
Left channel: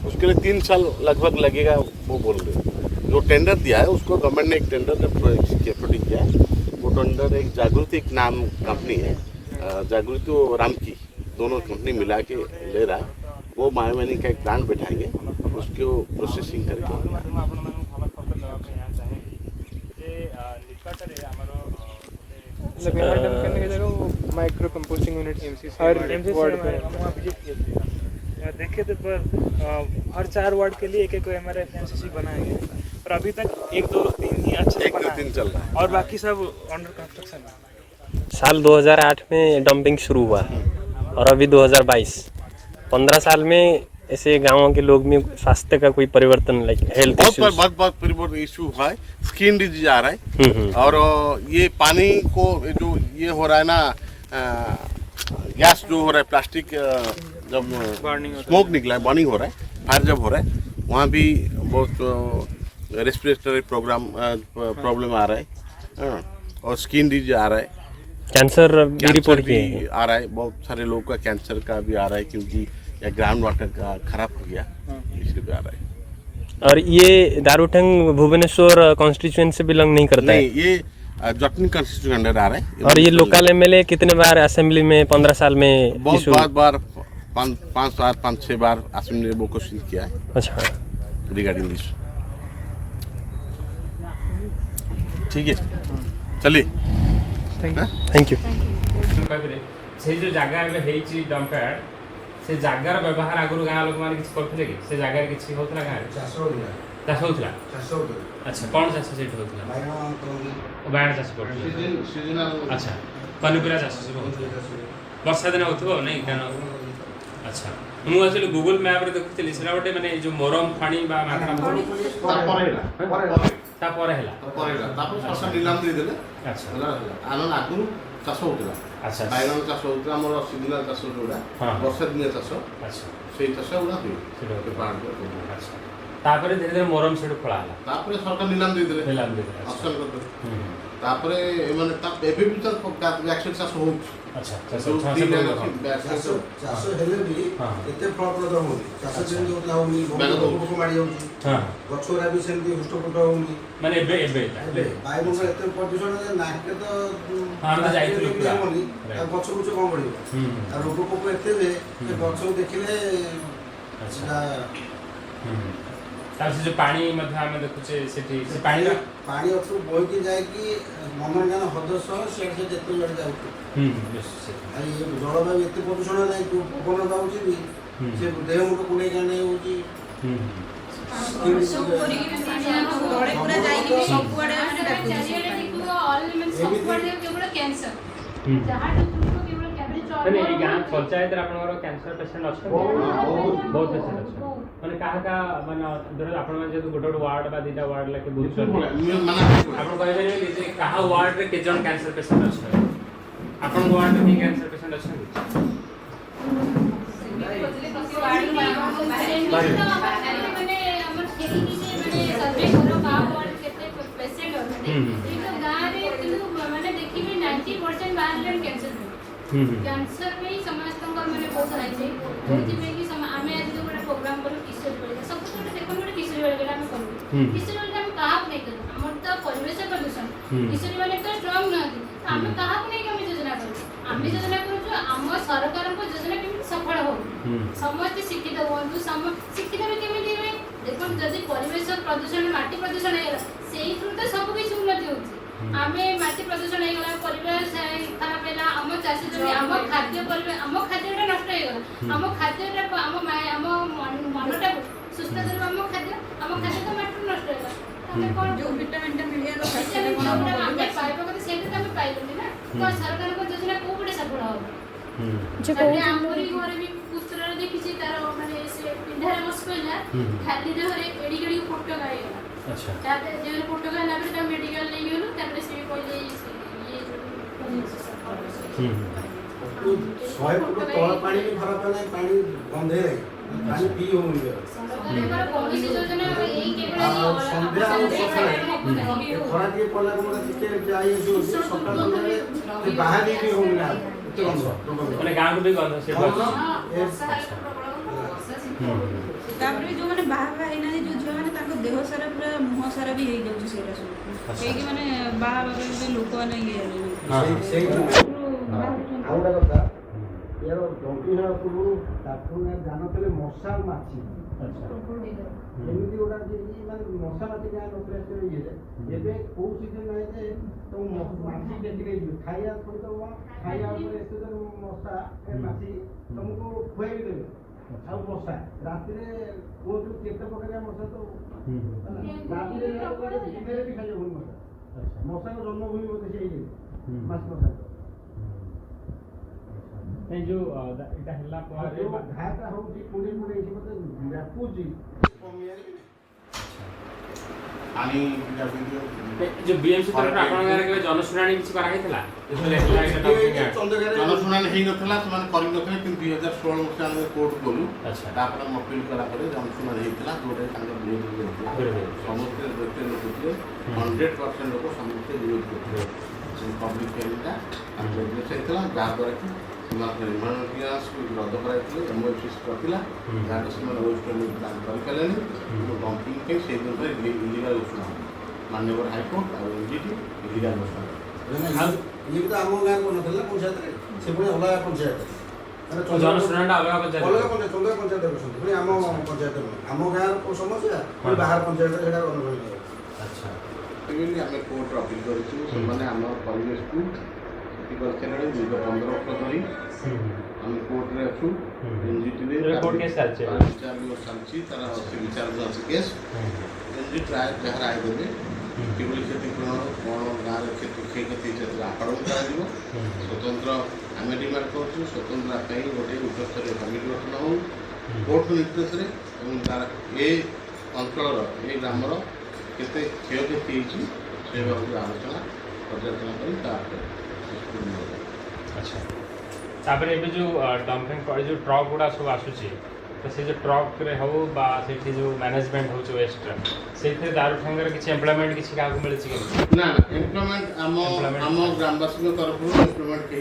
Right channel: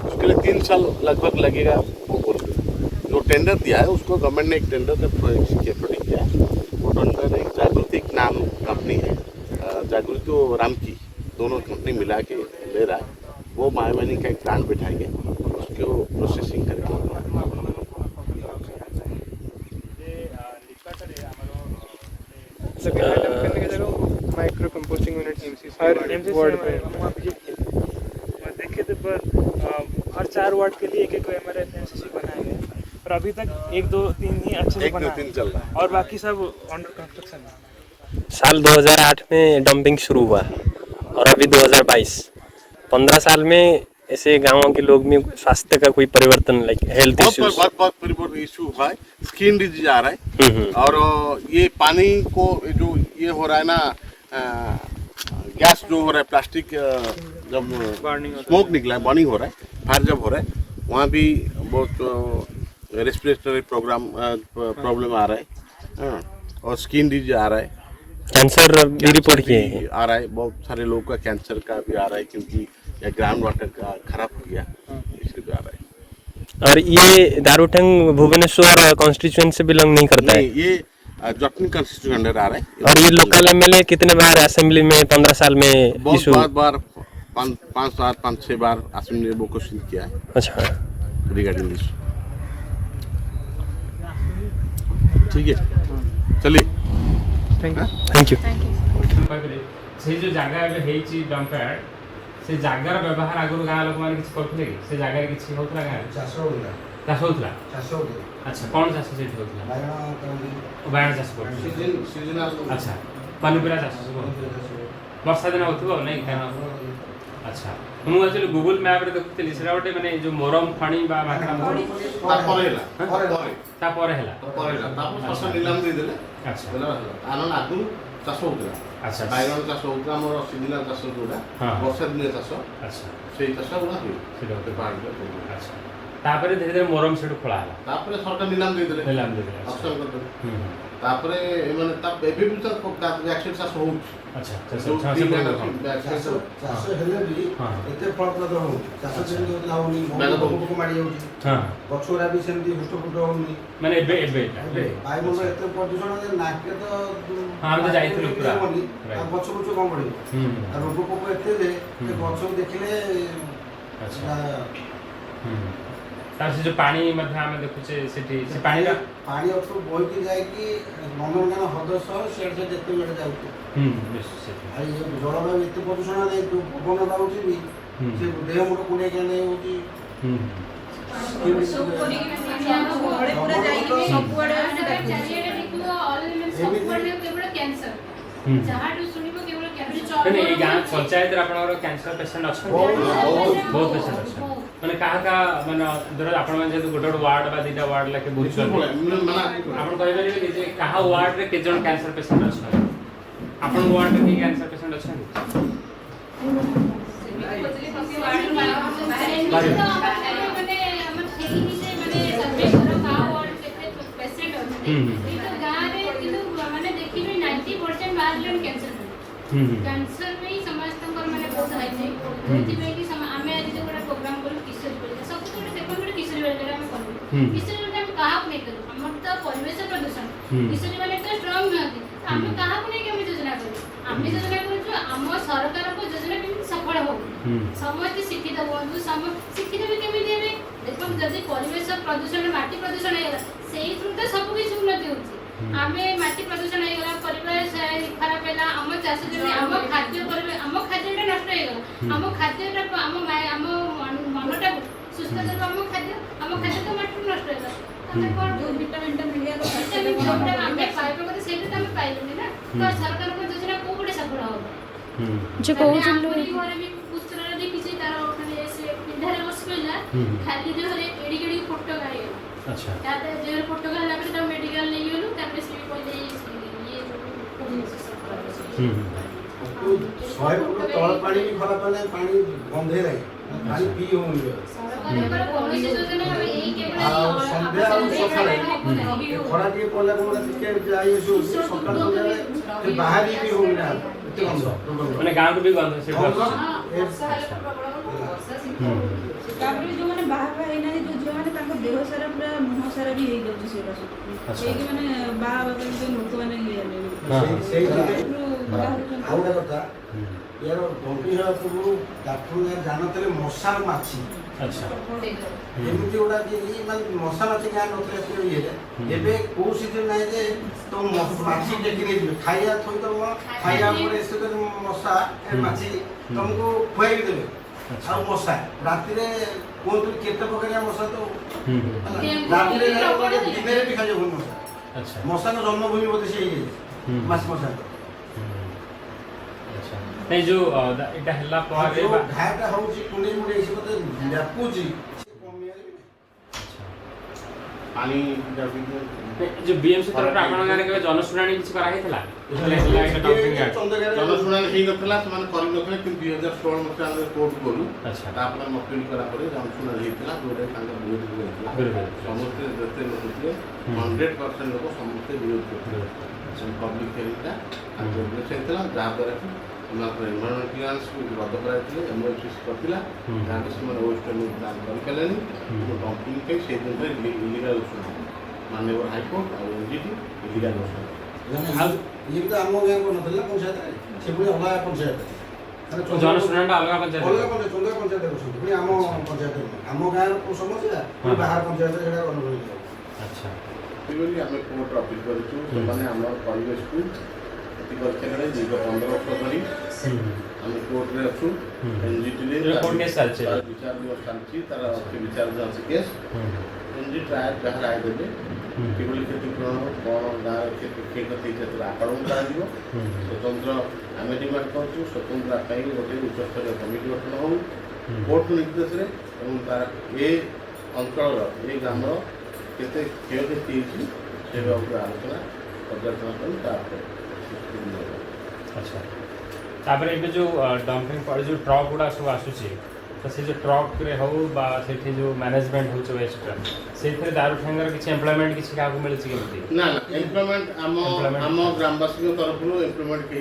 उसके लिए 3 साल लगभग लगेगा वो बोल रहे। जो टेंडर दिया है उसको गवर्नमेंट ने एक टेंडर प्रोड्यूस किया है, वो टेंडर एक जागृति एक नाम कंपनी है, जागृति और रामकी दोनों कंपनी मिला के ले रहा है। वो बायोमाइनिंग का एक प्लांट बैठाएंगे, उसको प्रोसेसिंग करके डंप करने की जगह माइक्रो कंपोस्टिंग यूनिट एमसीसी हर वार्ड पे देखे तो हर 4 वार्ड के लिए एक एमसीसी बनाया गया है, और अभी तक 1 2 3 ही अच्छे से एक बना दिन है चल रहा है। और बाकी सब अंडर कंस्ट्रक्शन है। साल 2008 में डंपिंग शुरू हुआ और अभी 2022, 15 साल में ऐसे गांवों के लोग में स्वास्थ्य का कोई परिवर्तन, लाइक हेल्थ इश्यूज? बहुत परिवर्तन इशू हुआ है, स्किन डिजीज आ रहा है, और ये पानी को जो ये हो रहा है ना, गैस जो हो रहा है, प्लास्टिक जब स्मोक निकला है, बर्निंग हो रहा है, फायर जब हो रहा है, वहाँ भी बहुत रेस्पिरेटरी प्रॉब्लम आ रहा है, और स्किन डिजीज आ रहा है, कैंसर भी रिपोर्ट किए हैं। आ रहा है, बहुत सारे लोगों का कैंसर का भी आ रहा है, क्योंकि या ग्राउंड वाटर का खराब हो गया, इसलिए भी आ रहा है। और ये दारूठंग भुवनेश्वर कॉन्स्टिट्यूएंसी से बिलोंग नहीं करता है? नहीं, ये जटनी कॉन्स्टिट्यूशन अंडर आ रहा है। और ये लोकल एमएलए कितने बार असेंबली में 15 साल में बहुत बार 5-6 बार असेंबली में वो क्वेश्चन किया है। अच्छा, रिगार्डिंग दिस। ठीक है, चलिए, थैंक यू। से जो जगह ଏବେ ହେଇଛି ଡମ୍ପୟାର୍ଡ, ସେ ଜାଗାର ବ୍ୟବହାର ଆଗରୁ ଗାଁ ଲୋକମାନେ କିଛି କରୁଥିଲେ କି? ସେ ଜାଗାରେ କିଛି ହେଉଥିଲା ଗାଁରେ ଚାଷ ଚାଷ ହେଉଥିଲା ଚାଷ ହଉଥିଲା ଆଚ୍ଛା କ'ଣ ଚାଷ ସେଇଠି ହେଉଥିଲା ବାଇଗଣ କରନ୍ତି ବାଇଗଣ ଚାଷ କରୁଥିଲେ ଆଚ୍ଛା ପନିପରିବା ଚାଷ ସବୁ ହେଉଥିଲା ବର୍ଷା ଦିନ ହେଉଥିବ ନାଇଁ କାରଣ ଆଚ୍ଛା ମୁଁ ଆକ୍ଚୁଆଲି ଗୁଗୁଲ ମ୍ୟାପ୍ରେ ଦେଖୁଥିଲି ସେଟା ଗୋଟେ ମାନେ ଯେଉଁ ମରମ ପାଣି ବା ମାଗଣା ତାପରେ ହେଲା ସରକାର ନିଲାମ ଦେଇଦେଲେ ଆଚ୍ଛା ଆମେ ଆଗରୁ ଚାଷ ହଉଥିଲା ଆଚ୍ଛା ବାଇଗଣ ଚାଷ ହଉଥିଲା ଆମର ସିଜନାଲ ଚାଷ ଯୋଉଟା ହଁ। ବର୍ଷା ଦିନିଆ ଚାଷ ଆଚ୍ଛା ସେଇ ଚାଷ ଗୁଡ଼ା ହୁଏ ସେଇଟା ସେ ପାହାଡ଼ ଆଚ୍ଛା ତାପରେ ଧୀରେ ଧୀରେ ମରମ ସେଠୁ ଖୋଳା ହେଲା ତାପରେ ସରକାର ନିଲାମ ଦେଇଦେଲେ ହେଲା ଆମେ ଦେଖିଲେ ଆଚ୍ଛା ଅପସନ୍ କରିଦେଲେ ହୁଁ, ହୁଁ। ତାପରେ ଏମାନେ ଏବେ ବି ତ ବ୍ୟାକସାଇଡ୍ ଚାଷ ହଉଛି ଆଚ୍ଛା ଚାଷ ଯୋଉ ଚାଷ tree line କରିବ ଅଛି, କ'ଣ? backside ଚାଷ ଚାଷ ହେଲେ ବି ହଁ। ଏତେ ଫଳପ୍ରଦ ହଉନି ଚାଷ ଯେମିତି ହଉଥିଲା ହଉନି ବାଗ ହଉନି। ପୋକ ମାଡ଼ି ଯାଉଛି ହଁ ଗଛ ଗୁଡ଼ା ବି ସେମିତି ହୃଷ୍ଟପୃଷ୍ଟ ହଉନି ମାନେ ଏବେ ଏବେ ଏବେ ବାୟୁମଣ୍ଡଳ ଏତେ ପ୍ରଦୂଷଣ ଯେ ନାକେ ତ ଆମେ ତ ଯାଇଥିଲୁ ନାକେ ପୁରା। ହବନି, Right. ଆଉ ଗଛ ବୁଛ କ'ଣ ବଢ଼ିବ ହୁଁ ଆଉ ରୋଗ ପୋକ ଏତେ ଯେ ସେ ଗଛକୁ ଦେଖିଲେ ଆଚ୍ଛା ସେଟା ହୁଁ ତାପରେ ସେ ଯେଉଁ ପାଣି ମଧ୍ୟ ଆମେ ଦେଖୁଛେ ସେଠି ସେ ପାଣିଟା ପାଣି ଉପରୁ ବୋହିକି ଯାଇକି ନନ୍ଦନକାନନ ହ୍ରଦ ସହ ସିଆଡ଼େ ସେ ଯେତେ ଯୁଆଡ଼େ ଯାଉଛି ନିଶ୍ଚିତ ଆଉ ଏ ଜଳବାୟୁ ଏତେ ପ୍ରଦୂଷଣ ନାହିଁ ଯୋଉ ପବନଟା ହେଉଛି ବି ହୁଁ। ସେ ଦେହ ମୁଣ୍ଡ କୁଣ୍ଡେଇ କାଣ୍ଡେଇ ହେଉଛି ହୁଁ ହୁଁ ମାନେ ଏଇ ଗାଁ ପଞ୍ଚାୟତରେ ଆପଣଙ୍କର କ୍ୟାନ୍ସର ପେସେଣ୍ଟ ଅଛନ୍ତି ବହୁତ ପେସେଣ୍ଟ ଅଛନ୍ତି ମାନେ କାହା କାହା ମାନେ ଧର ଆପଣମାନେ ଯେହେତୁ ଗୋଟେ ଗୋଟେ ୱାର୍ଡ ବା ଦୁଇଟା ୱାର୍ଡ ଲେଖେ ବୁଝୁଛନ୍ତି ଆପଣ କହିପାରିବେ କି ଯେ କାହା ୱାର୍ଡରେ କେତେ ଜଣ କ୍ୟାନ୍ସର ପେସେଣ୍ଟ ଅଛନ୍ତି ଆପଣଙ୍କ ୱାର୍ଡରେ କିଏ କ୍ୟାନ୍ସର ପେସେଣ୍ଟ ଅଛନ୍ତି कैंसर में ही समस्त माने बहुत हाई जाए जोथि में कि आमे आज जो गोटा प्रोग्राम करू किशोरी बालिका सब तो देखो गोटे किशोरी बालिका हम करू किशोरी बालिका हम कहा नहीं करू हमर तो परिवेश प्रदूषण किशोरी बालिका तो स्ट्रांग नहती हम कहा नहीं हम योजना करू आम योजना करू आम सरकार को योजना केମିତି सफल हो समस्त शिक्षित हुअନ୍ତୁ शिक्षित भी केମିତି हेबे देखो जदि परिवेश प्रदूषण माटी प्रदूषण हेला सेही तो सब किछ उन्नति होची आमे माटी प्रदूषण हेगला परिवेश खराब हेला आम चाष जमी आम खाद्य परिवेश आम खाद्यटा नष्ट हेगला आम खाद्यटा आम मनटा सुस्थ करबा आम खाद्य तो माटी नष्ट हेगला जो विटामिन मिलिया जोटा आमे पाइबा कते सेटा तो आमे पाइबनी ना तो सरकार को योजना को गोटे सफल हो जो कहउछन घरे भी पुस्तरा देखि छी तार माने से पिंधार वर्ष पहिला खाली देहरे एडी एडी फोटो गायला अच्छा ताते जेरे फोटो गायला पर तो मेडिकल नहीं गेलु तापर से कहले ये ଶହେ ଫୁଟ ତଳ ପାଣି ବି ଖରାପ ହେଲେ ପାଣି ଗନ୍ଧେଇ ନାହିଁ ପାଣି ପିଇ ହଉନି ସରକାରଙ୍କର କୌଣସି ଯୋଜନା ଏଇ କେବଳ ଆଉ ସନ୍ଧ୍ୟା ଆଉ ସକାଳେ ଖରା ଟିକେ ପଡ଼ିଲା ପରେ ଟିକେ ଯାଇ ଆସିବ ସକାଳ ସନ୍ଧ୍ୟାରେ ବାହାରି ବି ହଉନି ନା ଏତେ ଗନ୍ଧ ମାନେ ଗାଁକୁ ବି ଗନ୍ଧ ସେ ତାପରେ ବି ଯୋଉମାନେ ବାହା ହେଇନାହାନ୍ତି ଯୋଉ ଝିଅ ମାନେ ତାଙ୍କ ଦେହ ସାରା ପୁରା ମୁହଁ ସାରା ବି ହେଇଯାଉଛି ସେଗୁଡ଼ା ସବୁ ସେଇଠି ମାନେ ବାହା ହେବା ପାଇଁ ଲୋକମାନେ ଆଉ ଗୋଟେ କଥା ୟାର ଡମ୍ପିଂ ହେବା ପୂର୍ବରୁ ଡାକ୍ତର ଜାଣୁଥିଲେ ମଶା ମାଛି ଏମିତି ଗୁଡ଼ା ମାନେ ମଶା ମାଛି ଗାଁ ନଥିଲେ ଇଏରେ ଏବେ କୋଉ ସିଜନ ନାହିଁ ଯେ ତ ମାଛି ଟେକି ନେଇଯିବେ ଖାଇବା ଥୋଇଦେବ ଖାଇବା ପରେ ଏସବୁ ମଶା ମାଛି ତମକୁ ଖୁଆଇକି ଦେବେ ଆଉ ମଶା ରାତିରେ କୁହନ୍ତୁ କେତେ ପ୍ରକାରିଆ ମଶା ତ ରାତିରେ ଦିନରେ ବି ଖାଇଯାଉନି ମଶା ମଶାର ଜନ୍ମଭୂମି ବୋଧେ ସେ ହେଇଯାଇଛି ମାଛ ମଶା नहीं जो इटा हल्ला जो घाटा होउची कुंडी मुंडी एसी मते व्यापूची पानी जो बीएमसी तरफ आपण गारे के जनशुणानी किछ करा हेतला जनशुणानी हेई नथला समान करि नथले कि 2016 मसिया रे कोर्ट गलु अच्छा तापर मपिल करा परे जनशुणानी हेतला जोडे तांका विरोध हेतला समस्त जते लोक थे 100% लोक समस्त विरोध करथे पब्लिक हेरिटा अंदर हेतला जा द्वारा कि एनवायरमेंट क्लियरेंस रद्द कराइଥିଲେ एमओएफसी करथिला गांव से वेस्ट काम करिकलेनी डंपिंग के से दिन पर इलीगल उठना माननीय हाईकोर्ट और एनजीटी इलीगल उठना ये तो आम गाँ को नथला पंचायत से पुणी अलग पंचायत जनशुणानी अलग पंचायत चंद्र पंचायत पुणी आम पंचायत आम गाँ को समस्या बाहर पंचायत सेटा अनुभव अच्छा आम कोर्ट अपील करूँ से आम परिवेश को करते दीर्घ 15 वर्ष धरी आम कोर्ट में अच्छु एनजीटी विचार चलती तार विचार केस ଏମିତି ପ୍ରାୟ ଯାହା ରାୟ ଦେବେ କିଭଳି କ୍ଷତିପୂରଣ କ'ଣ ଗାଁରେ କ୍ଷୟକ୍ଷତି ସେଥିରେ ଆକଳନ କରାଯିବ। ସ୍ୱତନ୍ତ୍ର ଆମେ ଡିମାଣ୍ଡ କରୁଛୁ ସ୍ୱତନ୍ତ୍ର ପାଇଁ ଗୋଟେ ଉଚ୍ଚସ୍ତରୀୟ କମିଟି ଗଠନ ହେଉ କୋର୍ଟ ନିର୍ଦ୍ଦେଶରେ ଏବଂ ତାର ଏ ଅଞ୍ଚଳର ଏ ଗ୍ରାମର କେତେ କ୍ଷୟକ୍ଷତି ହେଇଛି ସେ ବାବଦରେ ଆଲୋଚନା ପର୍ଯ୍ୟାଲୋଚନା କରି ତାପରେ ନିଷ୍ପତ୍ତି ନିଆଯାଏ। अच्छा तापर एबे जो डंपिंग पर जो ट्रक गुड़ा सब आसुची तो से जो ट्रक रे हो बा सेठी जो मैनेजमेंट होचे वेस्ट सेठी दारुठेंगर किछि एम्प्लॉयमेंट किछि काको मिलछि कि ना एम्प्लॉयमेंट आम ग्रामवासी तरफ एम्प्लॉयमेंट के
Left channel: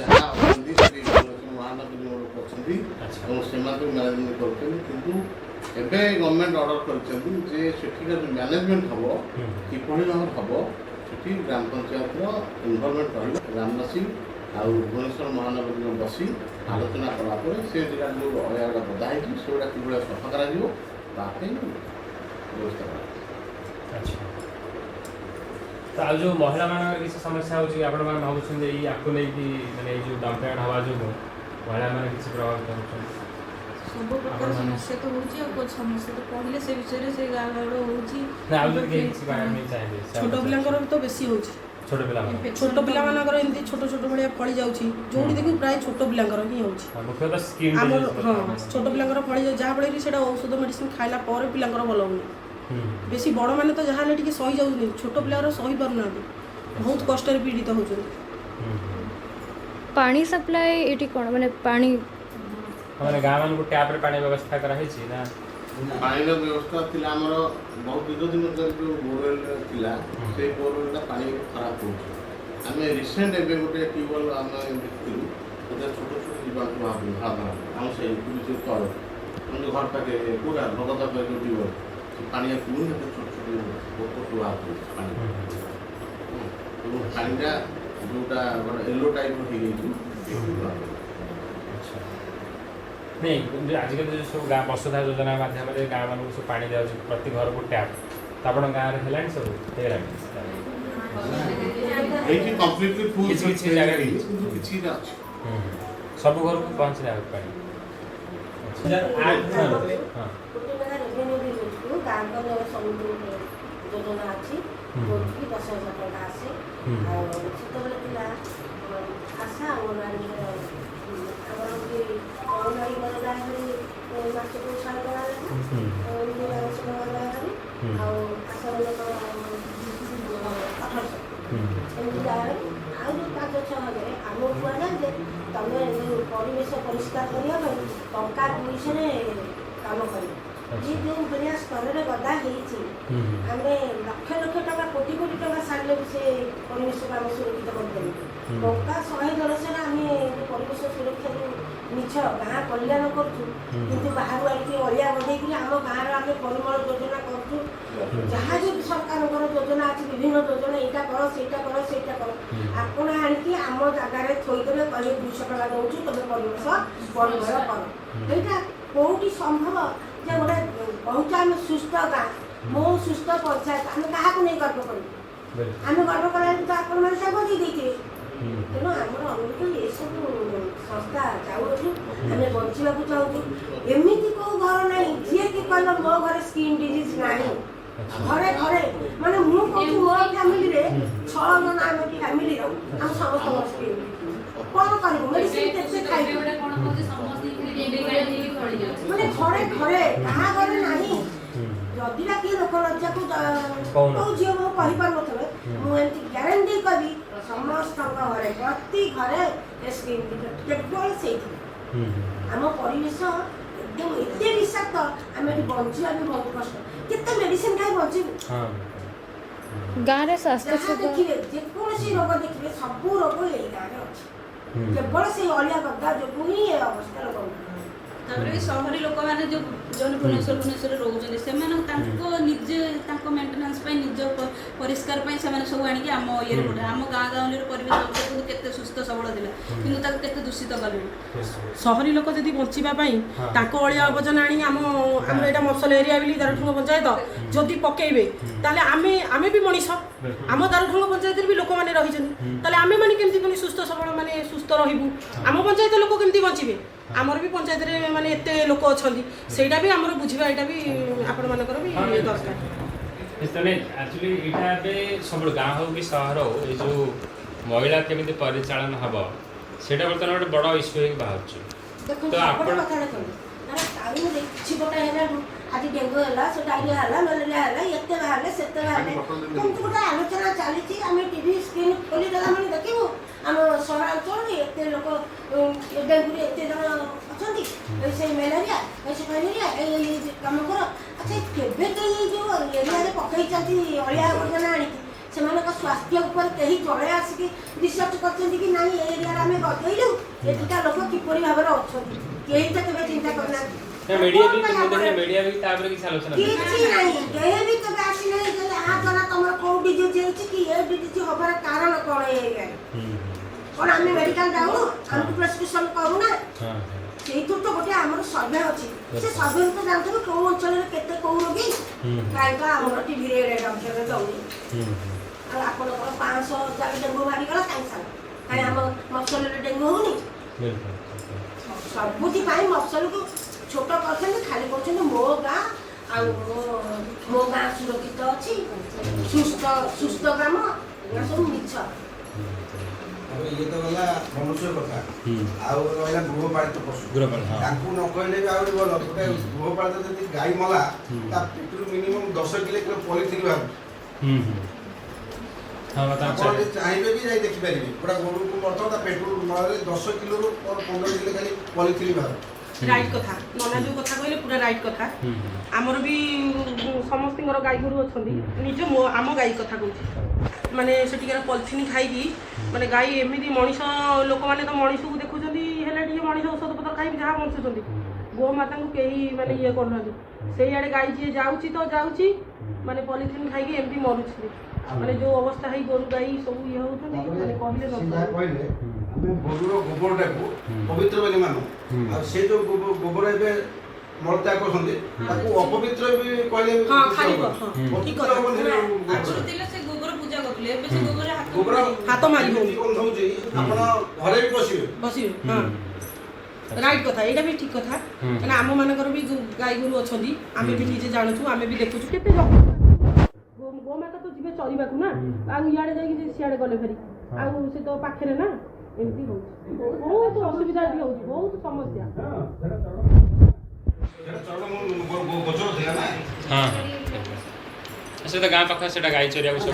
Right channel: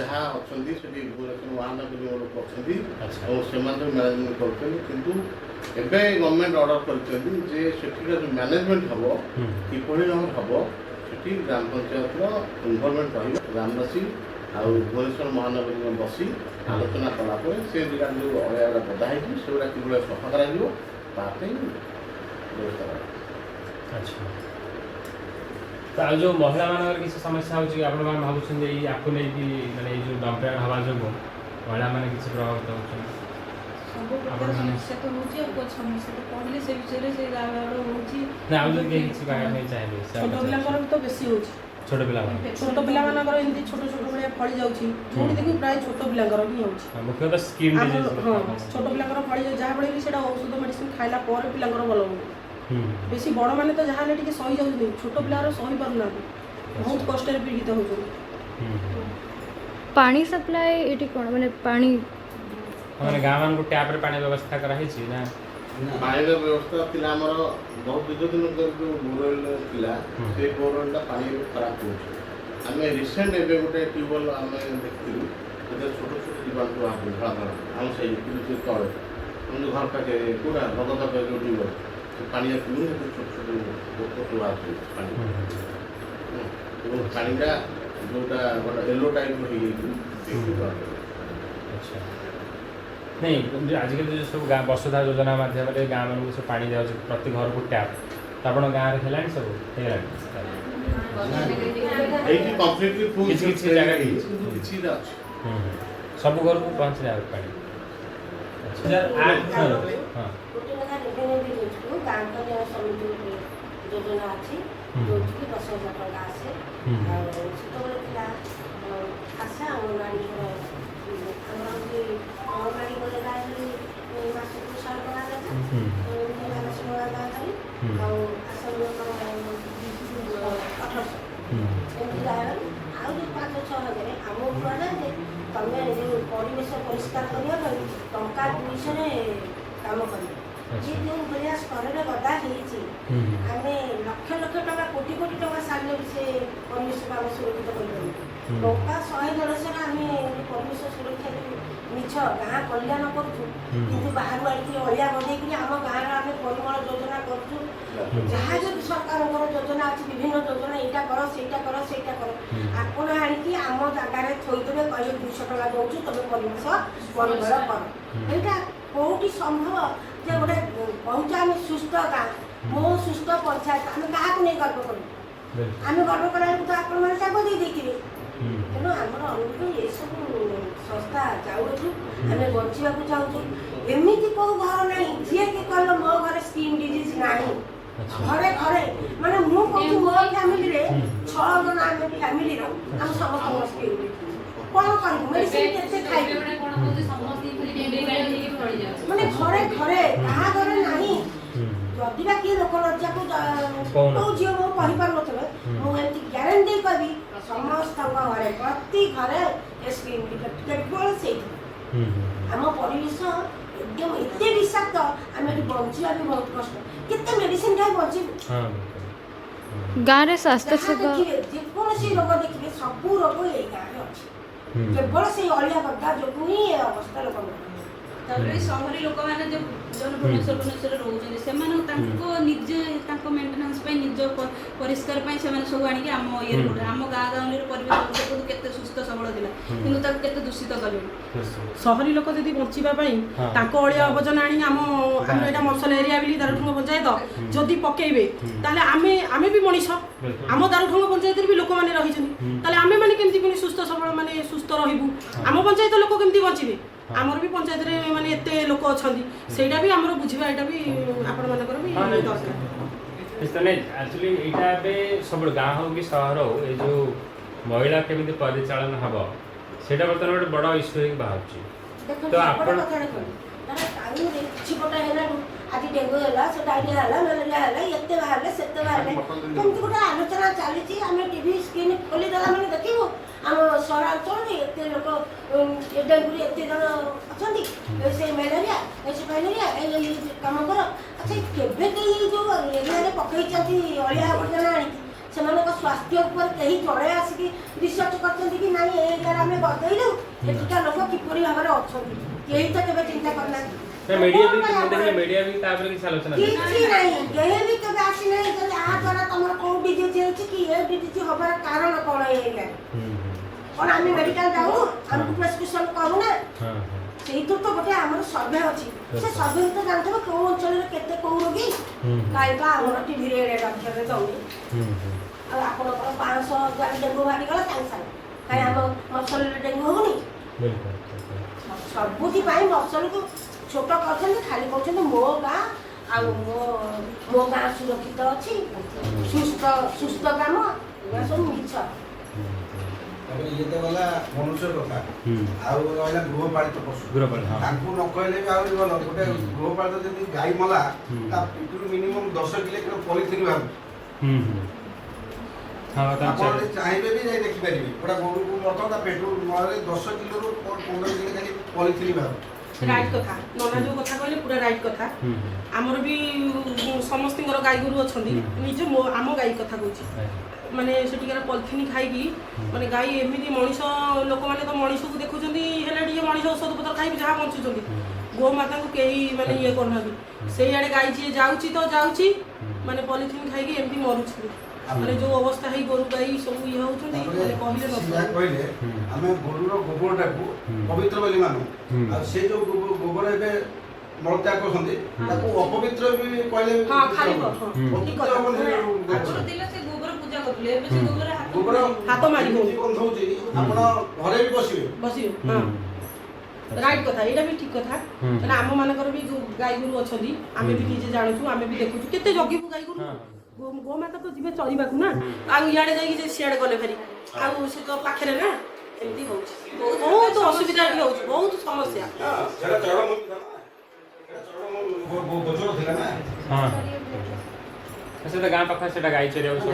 जहाँ अच्छी महानगर लोक अच्छा और से मैनेजमेंट करते एबे गवर्नमेंट ऑर्डर करछन जे सेठी मैनेजमेंट हम किपरि हम सेठी ग्राम पंचायत इनवॉल्वमेंट रही ग्रामवासी आउ भुवनेश्वर महानगर में बसी आलोचना कलापर से जगह जो अलिया बदा है से कि सफा कर व्यवस्था कर। अच्छा तो आज जो महिला मान किसी समस्या होची आपण मान भाबुछन जे आपको नै कि माने जो डंपिंग हवा जो महिला मान किसी प्रभावित होछन सब प्रकार समस्या तो होची और कुछ समस्या तो पढ़ले से विषय से गाड़ होची ना आउ जे किसी गाड़ नहीं चाहिए छोट पिलांकर तो बेसी होची छोट पिला मानकर एमती छोट छोट भाया फड़ी जाउची जोडी देखि प्राय छोट पिलांकर ही होची मुख्य तो स्किन डिजीज हां छोट पिलांकर फड़ी जा बळे भी सेटा औषध मेडिसिन खाइला पर पिलांकर भलो हो बेसी बड़ माने तो जहां ले टिके सही जाउनी छोट पिलांकर सही पर ना बहुत कष्ट रे पीड़ित होचो। पानी सप्लाई एटी कोन माने पानी हमरे गांव मान को टैप रे पानी व्यवस्था करा है छी ना पानी व्यवस्था पिला हमर बहुत दीर्घ दिन बोरवेल पिला से बोरवेल पानी खराब हो आम रिसेंट एवं गोटे ट्यूबवेल आम देखी छोट छोट जीवा आम से तल जो घर पाखे पूरा भगत जो ट्यूबवेल पानी छोट छोट पानी पानीटा जोटा येलो टाइप हो नहीं आजिकल जो सब गाँव वसुधा योजना माध्यम गाँव मान सब पानी दिया प्रति घर को टैप तो आप गाँव में है सब सब घर को पहुँच रहा है पानी योजना अच्छी जो 10,000 टका आसे आशा अंगनवाड़ी योजना मासक 100 टका तमें परिवेश परिष्कार करने टंका 200 काम कर ये जो भाया स्तर में गदा आम लक्ष लक्ष टका कोटी कोटी टका सारे भी से परिवेश काम सुरक्षित कर टंका 100 आम परिवेश सुरक्षा मिछ गाँ कल्याण करूँ कि बाहर आड़े अलिया बजे आम गाँव आम परिमल योजना करूँ जहाँ जो सरकार योजना अच्छी विभिन्न योजना यहाँ कर सेटा कर आपण आणिकी आम जगार थोदेवे कहे 200 टका दौर तुम परिवेश परिमल कर यहाँ कौटी संभव जे गोटे बहुत आम सुस्थ गाँ मो सुस्थ पंचायत आम क्या नहीं गर्व करूँ आम गर्व करा तो आपण मैंने सब दे तेणु आम अनुरोध ये सब संस्था जाऊँ आम बचा चाहूँ एमती कौ घर ना जी कि कह मो घर स्किन डिजीज ना घरे घरे माने मो फैमिली 6 जन आम फैमिली आम समस्त स्किन कौन कर मेडिसिन के खाई माने घरे घरे कहा घरे नहीं जदि बा किए लोक लज्जा को जी मो कही पार नथे मुझे ग्यारंटी करी समस्त घरे प्रति घरे स्किन केवल से आम परिवेश एकदम एते विषाक्त आम बचा भी बहुत कष्ट केते मेडिसिन खाई बचीबू गाँव रे स्वास्थ्य सेवा जेकोसी रोग देखिए सब रोग ये गाँव अच्छी केवल से अलिया गदा जो ही अवस्था लोक सहरी लोक मैंने जो भुवनेश्वर रोचे से निजे मेन्टेनान्स निज परिष्कार सब आणिक आम ये आम गाँ गाँव परिवेश केते सुस्थ सबल था कि दूषित कले सहरी लोक जदि बचापी अलिया आवर्जना आनी आम यहाँ मफसल एरिया बोली दारुठंग पंचायत जदि पकेबे ताले आमे भी मनीष आम दारुठंग पंचायत भी लोक मैंने रही आमे मैंने केमती सुस्थ ସୁସ୍ଥ ସବଳ ମାନେ ସୁସ୍ଥ ରହିବୁ ଆମ ପଞ୍ଚାୟତ ଲୋକ କେମିତି ବଞ୍ଚିବେ ଆମର ବି ପଞ୍ଚାୟତରେ ମାନେ ଏତେ ଲୋକ ଅଛନ୍ତି ସେଇଟା ବି ଆମର ବୁଝିବା ଏଇଟା ବି ଆପଣମାନଙ୍କର ବି ଦରକାର एक्चुअली यहाँ सब गाँ हो कि सहर हो ये जो महिला केमी परिचालन हम से बर्तमान गोटे बड़ इश्यू हो बाहर तो आपण आज डेंगू है से डायरिया है मलेरिया है एते बाहर से बाहर कमती गोटे आलोचना चली आम टीवी स्क्रीन खोली मैंने देखू आम सहरांचल एत लोक डेंगू एत जन अच्छा से मलेरिया ऐसे मलेरिया कम कर अच्छा केवे कहीं जो एरिया पकई अलिया आवर्जना आनी से स्वास्थ्य उपर कहीं जड़े आसिक रिसर्च कर एरिया आम गदेलु एटिका लोक किपरि भाव में अच्छा कहीं तो केवे चिंता करना मीडिया भी तापर की आलोचना किछि नहीं केहे भी केबे आसी नहीं जे आ द्वारा तमर को डिजीज हेछि कि ए डिजीज होबार कारण कोन एरिया कोन आमी मेडिकल जाऊ हम प्रेस्क्रिप्शन करू ना सेइतो तो गोटे हमर सर्वे अछि से सर्वे तो जानते को अंचल रे केते को रोगी काइका हमर टीवी रे डॉक्टर रे जाऊ आपण को 500 जाले डेंगू भारी गला काई हम मफसल रे डेंगू होनी सबुति पाई मफसल को छोट कर खाली कर मो गाँ मो गाँ सुरक्षित अच्छी सुस्थ ग्राम सब मिछ ये तो गला मनुष्य कथा आउ रहला गृहपालित पशु तांकु न कहले भी आउ गलो गोटे गृहपालित जदि गाय मला ता पिटरू मिनिमम 10 किलो पॉलिथिन बाहर हां बता चाहिए भी जाई देखि पारिबे पूरा गोरु को मरतो ता पेट्रोल मारे 10 किलो रो और 15 किलो खाली पॉलिथिन बाहर राइट कथा नना जो कथा कहले पूरा राइट कथा आमर भी समस्त गाई गोरु अच्छा निज आम गाई कथा कहूँ माने सेटिकार पॉलिथिन खाई माने गाई एमती मनीष लोक मैंने तो मनीष को देखुं मनीष औषध पत्र खाई जहाँ बंचुंट गोमाता को कहीं माने ये करना से आड़े गाई जी जाऊँगी तो जाऊँगी माने पॉलिथिन खाई एमती मरुच्छे माने जो अवस्था है गोरु गाई सब ये होती माने कहले कहले आमे गोरुर गोबरटा को पवित्र बोली मानु आ से जो गोबर एबे मलत्याग करछन्ते ताको अपवित्र भी कहले हां खाली ठीक दिले से गोबर पूजा करले एबे से गोबर हाथ मारी बंध होउची आपण घरे भी बसिबे हां राइट कथा एटा भी ठीक कथा ना आम मानकर भी गाई गोरु अछंदी आमे भी निजे जानछु आमे भी देखुछु केते जगी गाई गोरु गोमाता तो जीवे चरवा ना आड़े जाइए सियाड़े गले फेरी आउ से तो पाखे ना एमती हो बहुत असुविधा हो बहुत समस्या हाँ से तो गाँ पाख से गाई चरिया सब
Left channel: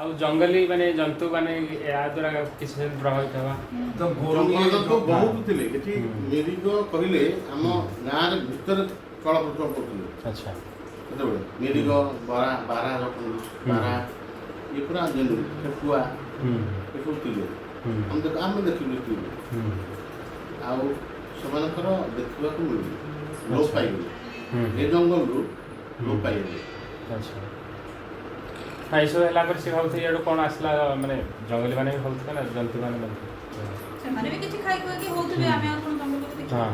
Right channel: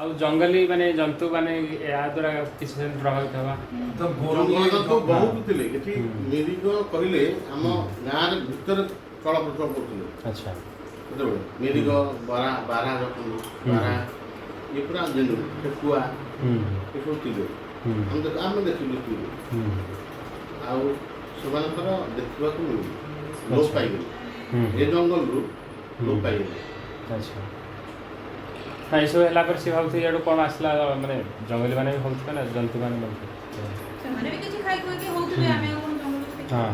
आउ जंगली माने जंतु माने या द्वारा किसी प्रभावित हवा तो गोरु तो बहुत थिले एठी मेडिको कहिले हम गाँ रे भीतर चल प्रचल करथिले अच्छा मेडिको बारा बारा बारा ये पूरा जेनु ठेकुआ ये सब थिले हम देखिले आउ सेमानकर देखिबा को लोप पाइगले ए जंगल रु लोप पाइगले अच्छा नहीं सब है पर से भावते यार कौन आसला माने जंगली माने भावते ना जंतु माने भावते से माने भी किछि खाइ को कि होतले आमे अपन जंगल हां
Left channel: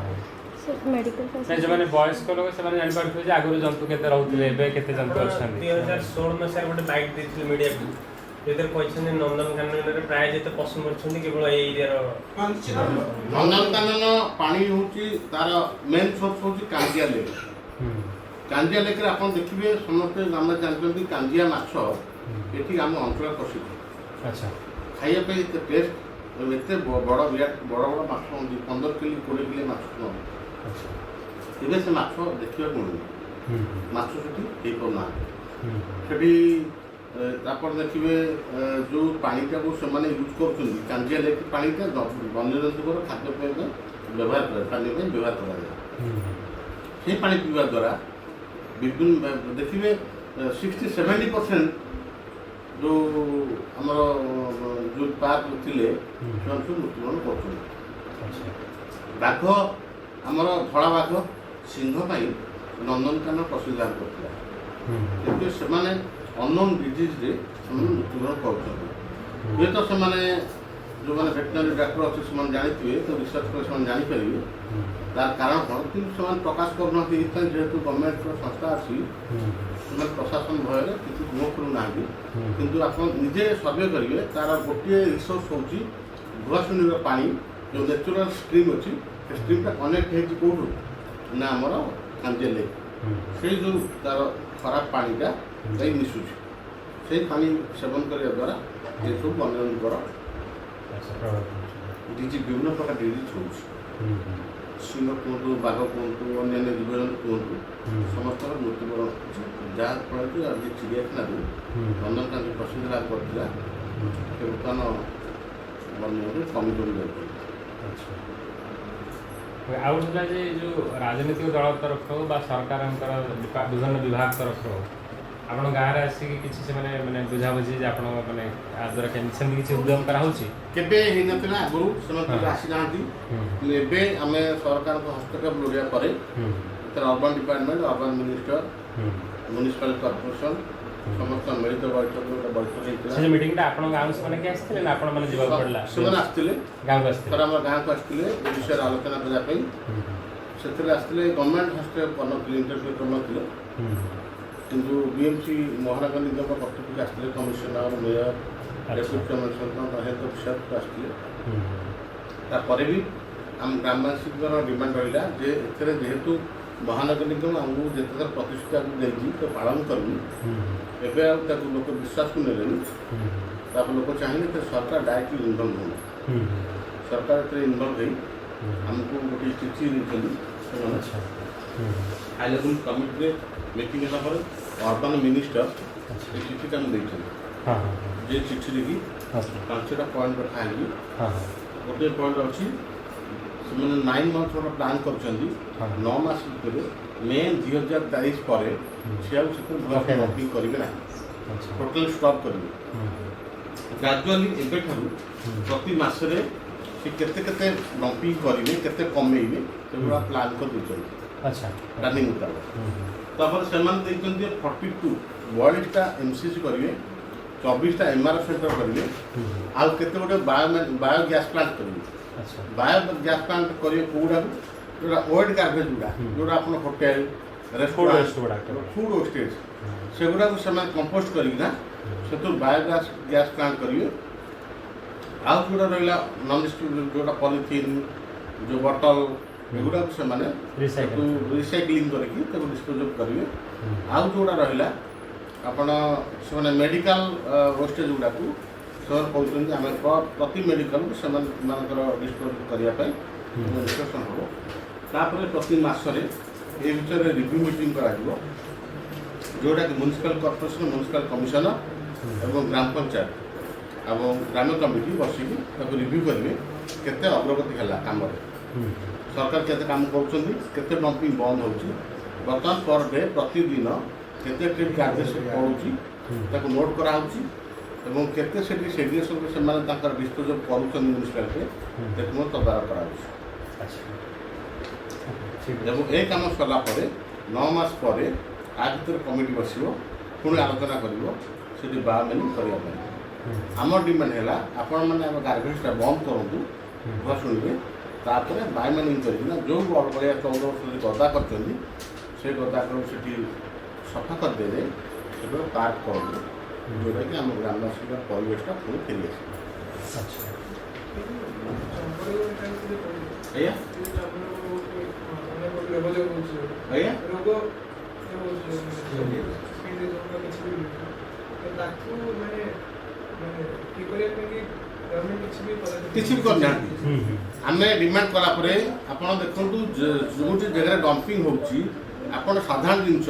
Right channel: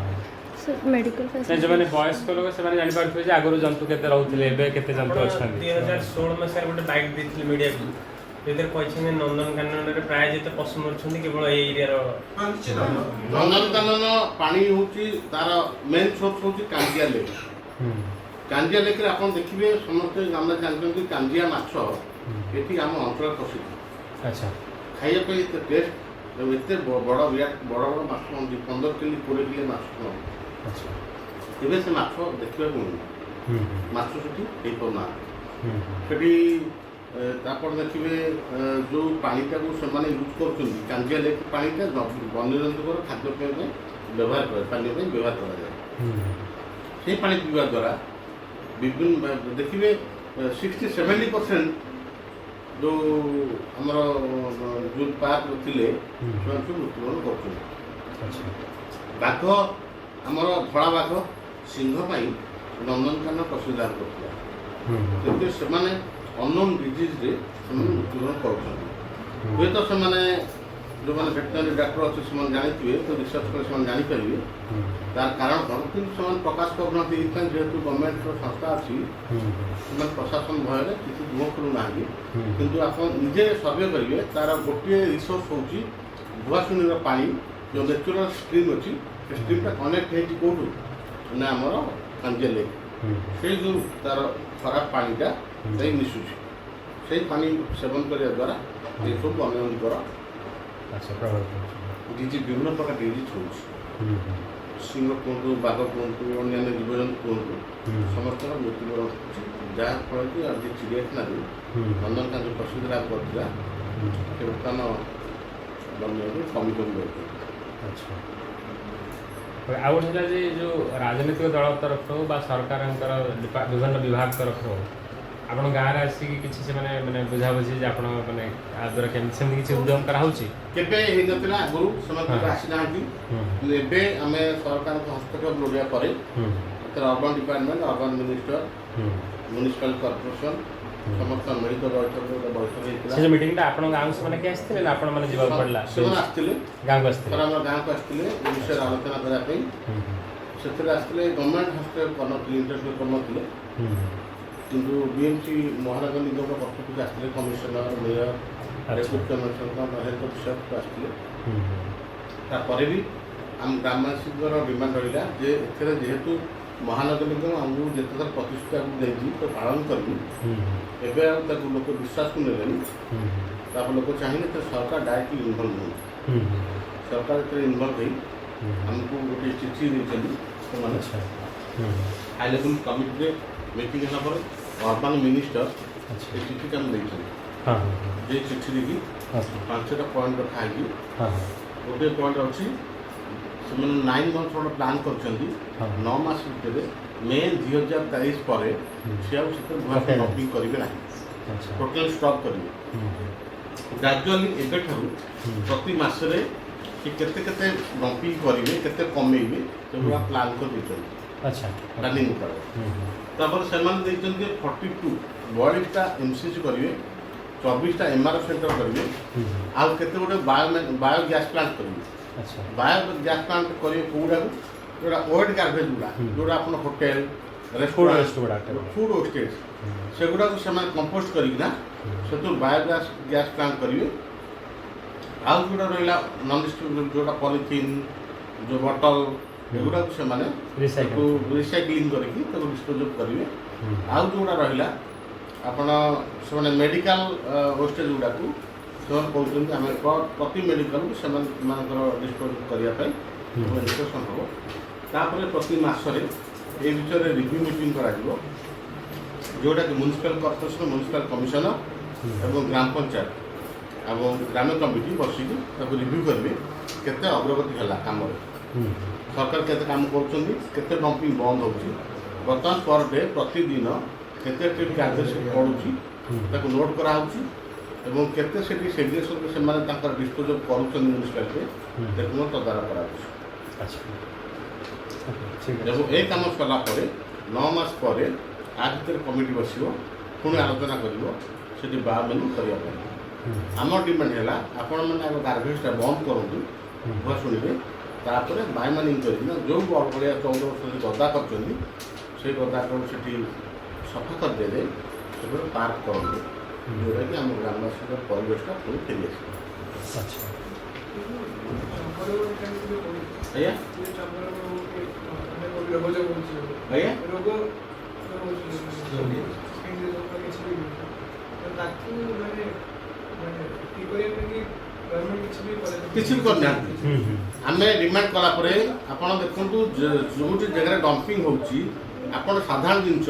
सर मेडिकल फैसिलिटी जो माने वयस्क लोग से माने जानि पारथि जे आगरो जंतु केते रहउतले एबे केते जंतु अछन 2016 में सर गोटे बाइट देथिले मीडिया को एते कहछन नंदनकानन रे प्राय जेते पशु मरछन केवल ए एरिया रो नंदनकानन पानी होची तार मेन सोर्स होची कांजिया लेक कांजिया लेक रे आपण देखिबे समस्त गामला जानथि कांजिया माछ एठी हम अंकुर प्रसिद्ध अच्छा खाइया पे टेस्ट एते बड़ बिराट बड़ बड़ माछ 15 किलो 20 किलो माछ अच्छा इबे से माछ देखिबा को माछ सेठी देई पना सेठी तापर देखिबे जो पानीटा को से माने यूज करछन कांजिया लेक पानीटा वन्यजंतुकर खाद्य पेय में व्यवहार करे पानी में व्यवहार करा जाए से पानी पीवा द्वारा विभिन्न देखिए 60-70% जो आमर जो पार्क थिले मृत्युवरण कर बाघ आमर धड़ा बाघ सिंह पाई नंदनकानन प्रसिद्ध करथिला किंतु से अननोन डिजीज रे मृत्युवरण कर जो मैंने वेटनरी डॉक्टर अच्छे से जानी तो रिसर्च कर जानीपर तार कारण कौन कि प्रकाश करना जेहेतु गवर्नमेंट संस्था अच्छी प्रशासन भय किसी मुह करूना कि आप निजे सर्वे करेंगे तार गोटे रिसोर्स हूँ भुआसुनी पानी जो नेचुरल स्ट्रीम अच्छी स्ट्रीमटा कनेक्ट होती कौटू ना आमर अंजे लेक से जो तार खराब पानीटा से मिसुची से पानी सेवन करने द्वारा ये सब अनेक डिजीज विभिन्न प्रकार डिजीज हो सिंह कहतु बाघ कहतु अन्य जीवजंतु कहतु समस्त मृत्युवरण जहाँफल कि आज चिड़ियाखाना नंदनकान जो प्रसिद्ध लाभ करता बर्तमान वन्य कमी कर आउ जो राजनीतिक दल तरफ सरकार विभिन्न विभाग तरफ आप गाँव में आसिक किसी से मैंने बुझाबुझी आप द्वारा किसी उद्यम कराऊँगी आगु से आसी ना आम सरकार हस्तक्षेप लोड़ा पर urban department urban minister municipal corporation समस्त मिलित बैठक से मीटिंग आप गाँव से मैंने आसते आप पड़ा से आसते गाँव को आसते गाँव को आसते विषय आलोचना करने से आसते गवर्नमेंट हस्तक्षेप कर इंटरव्यू कर किंतु बीएमसी महानगर निगम पक्ष आसते commissioner mayor deputy commissioner health officer आसते भी आम ग्रामवासी डिमांड रहा जेहेतु महानगर निगम आमको जिते प्रतिष्ठा देखी तो पालन करूँ एवं लोक विश्वास को ने लोक चाहिए तो सरकार डायरेक्टली इनवल्व हो सरकार जो इनवल्व हो आमको गोटे चिठी देते हाई लेवल कमिटी मीटिंग है अर्बन मिनिस्टर चिठी देते चिठी देखी 5टा पॉइंट रखाई गोटे पॉइंट अच्छी से 9 मंथ गोटे प्लां कर 9 मास भितर मे 2023 पर से डंपिंग करेंगे ना टोटाल स्टॉप करेंगे ग्राजुअली एवं प्रति मसरे केते डंपिंग करेंगे केते कमेबे से प्लां कर प्लानिंग मुताबिक से 42 बॉडीटा एमसीसी करेंगे 24टा एमआरएफ सेंटर करेंगे आउ केते गोटे बायोगैस प्लांट करेंगे बायोगैस प्लांट करेंगे कौड़ा जोड़ा ओल्ड गार्बेज गुड़ा जोड़ा आप होटेल रेस्टोरेंट फूड वेस्टेज से गुड़ा से कंपोस्ट करना से बायोगैस गैस प्लांट करेंगे आउ जोड़ा रहा नन डिस्ट्रीब्यूट जोड़ा पॉलिथीन जो बॉटल एगुड़ा से रिसाइक्लिंग करके डिस्पोज करेंगे आउ जोड़ा रहा आपण से मेडिकल वेस्टेज गुड़ा को कहते आम प्रति मेडिकल से डिस्पोज करने डिस्कसन हम तापर प्रति मसरे ये विषय रिव्यू मीटिंग करा जोटा कि म्युनिसिपल कॉर्पोरेशन म्युनिसिपल कमिशनर एवं ग्राम पंचायत और ग्राम कमिटी बसिक रिव्यू करेंगे केते अग्रगति है कम सरकार केते काम कर डंपिंग बंद हो बर्तमान पर डे प्रतिदिन केते ट्रिप चार्जेस पड़ूँ नोट कराऊँ एवं केते सेग्रेगेशन से डिस्पोज कर म्युनिसिपालिटी तदारख कर ए कम सरला 9 मास पर आ भर कमिटी बस पुणी आलोचना कर बायोमैनिंग करने आम डिमांड है आपण मैंने गार्बेजटा बंद करूँ भर शुणे तापर बायोमैनिंग कर जो बड़िया 14 वर्ष गदा कर गदा को सफा कर दे जाए पार्क करूँ जोटा कि आम ग्रामवासी परिवेशटा पुणी फेरी किसी भी करना आम डिमांड कलापर आपड़ देखु जो जगह डंपिंग हो साधारण जिनस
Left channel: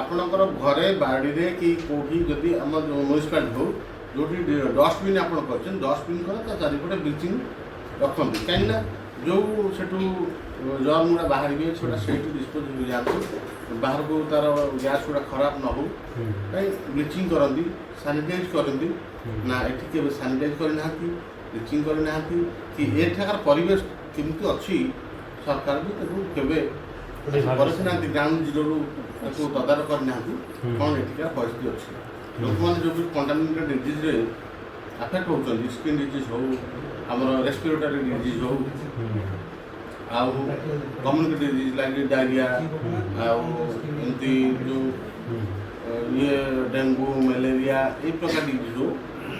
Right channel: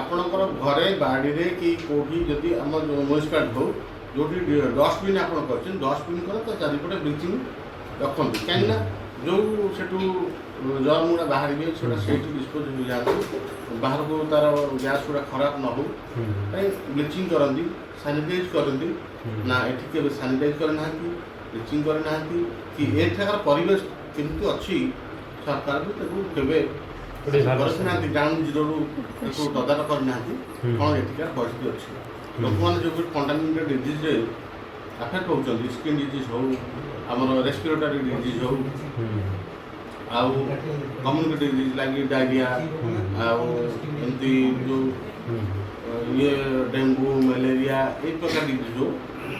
आपणकर घरे बाड़ी कि कौटी जदि आम म्युनिसिपालिटी हो जो डस्टबिन आप डस्टबिन कर चारिपटे ब्लीचिंग रखते कहीं जो जमुना बाहर से डिस्पोज हो जाए बाहर को तार गैस गुड़ा खराब न हो ब्लीचिंग करती सानिटाइज करती ना ये सानिटाइज करना ब्लीचिंग करना कि एठार परिवेश केमती अच्छी सरकार भी करना ग्राउंड जीरो तदारख करना कौन एठार परिस्थिति अच्छी लोक मैंने जो कंटामिनेटेड डिजीज ଆଫେକ୍ଟ ହେଉଛନ୍ତି ସ୍କିନ୍ ଡିଜିଜ୍ ହଉ ଆମର ରେସ୍ପିରେଟୋରୀ ଡିଜିଜ୍ ହଉ ଆଉ କମ୍ୟୁନିଟି ଡିଜିଜ୍ ଲାଗି ଡାଇରିଆ ଆଉ ଏମିତି ଯେଉଁ ଇଏ ଡେଙ୍ଗୁ ମ୍ୟାଲେରିଆ ଏଇ ପ୍ରକାର ଡିଜିଜ୍ ହଉ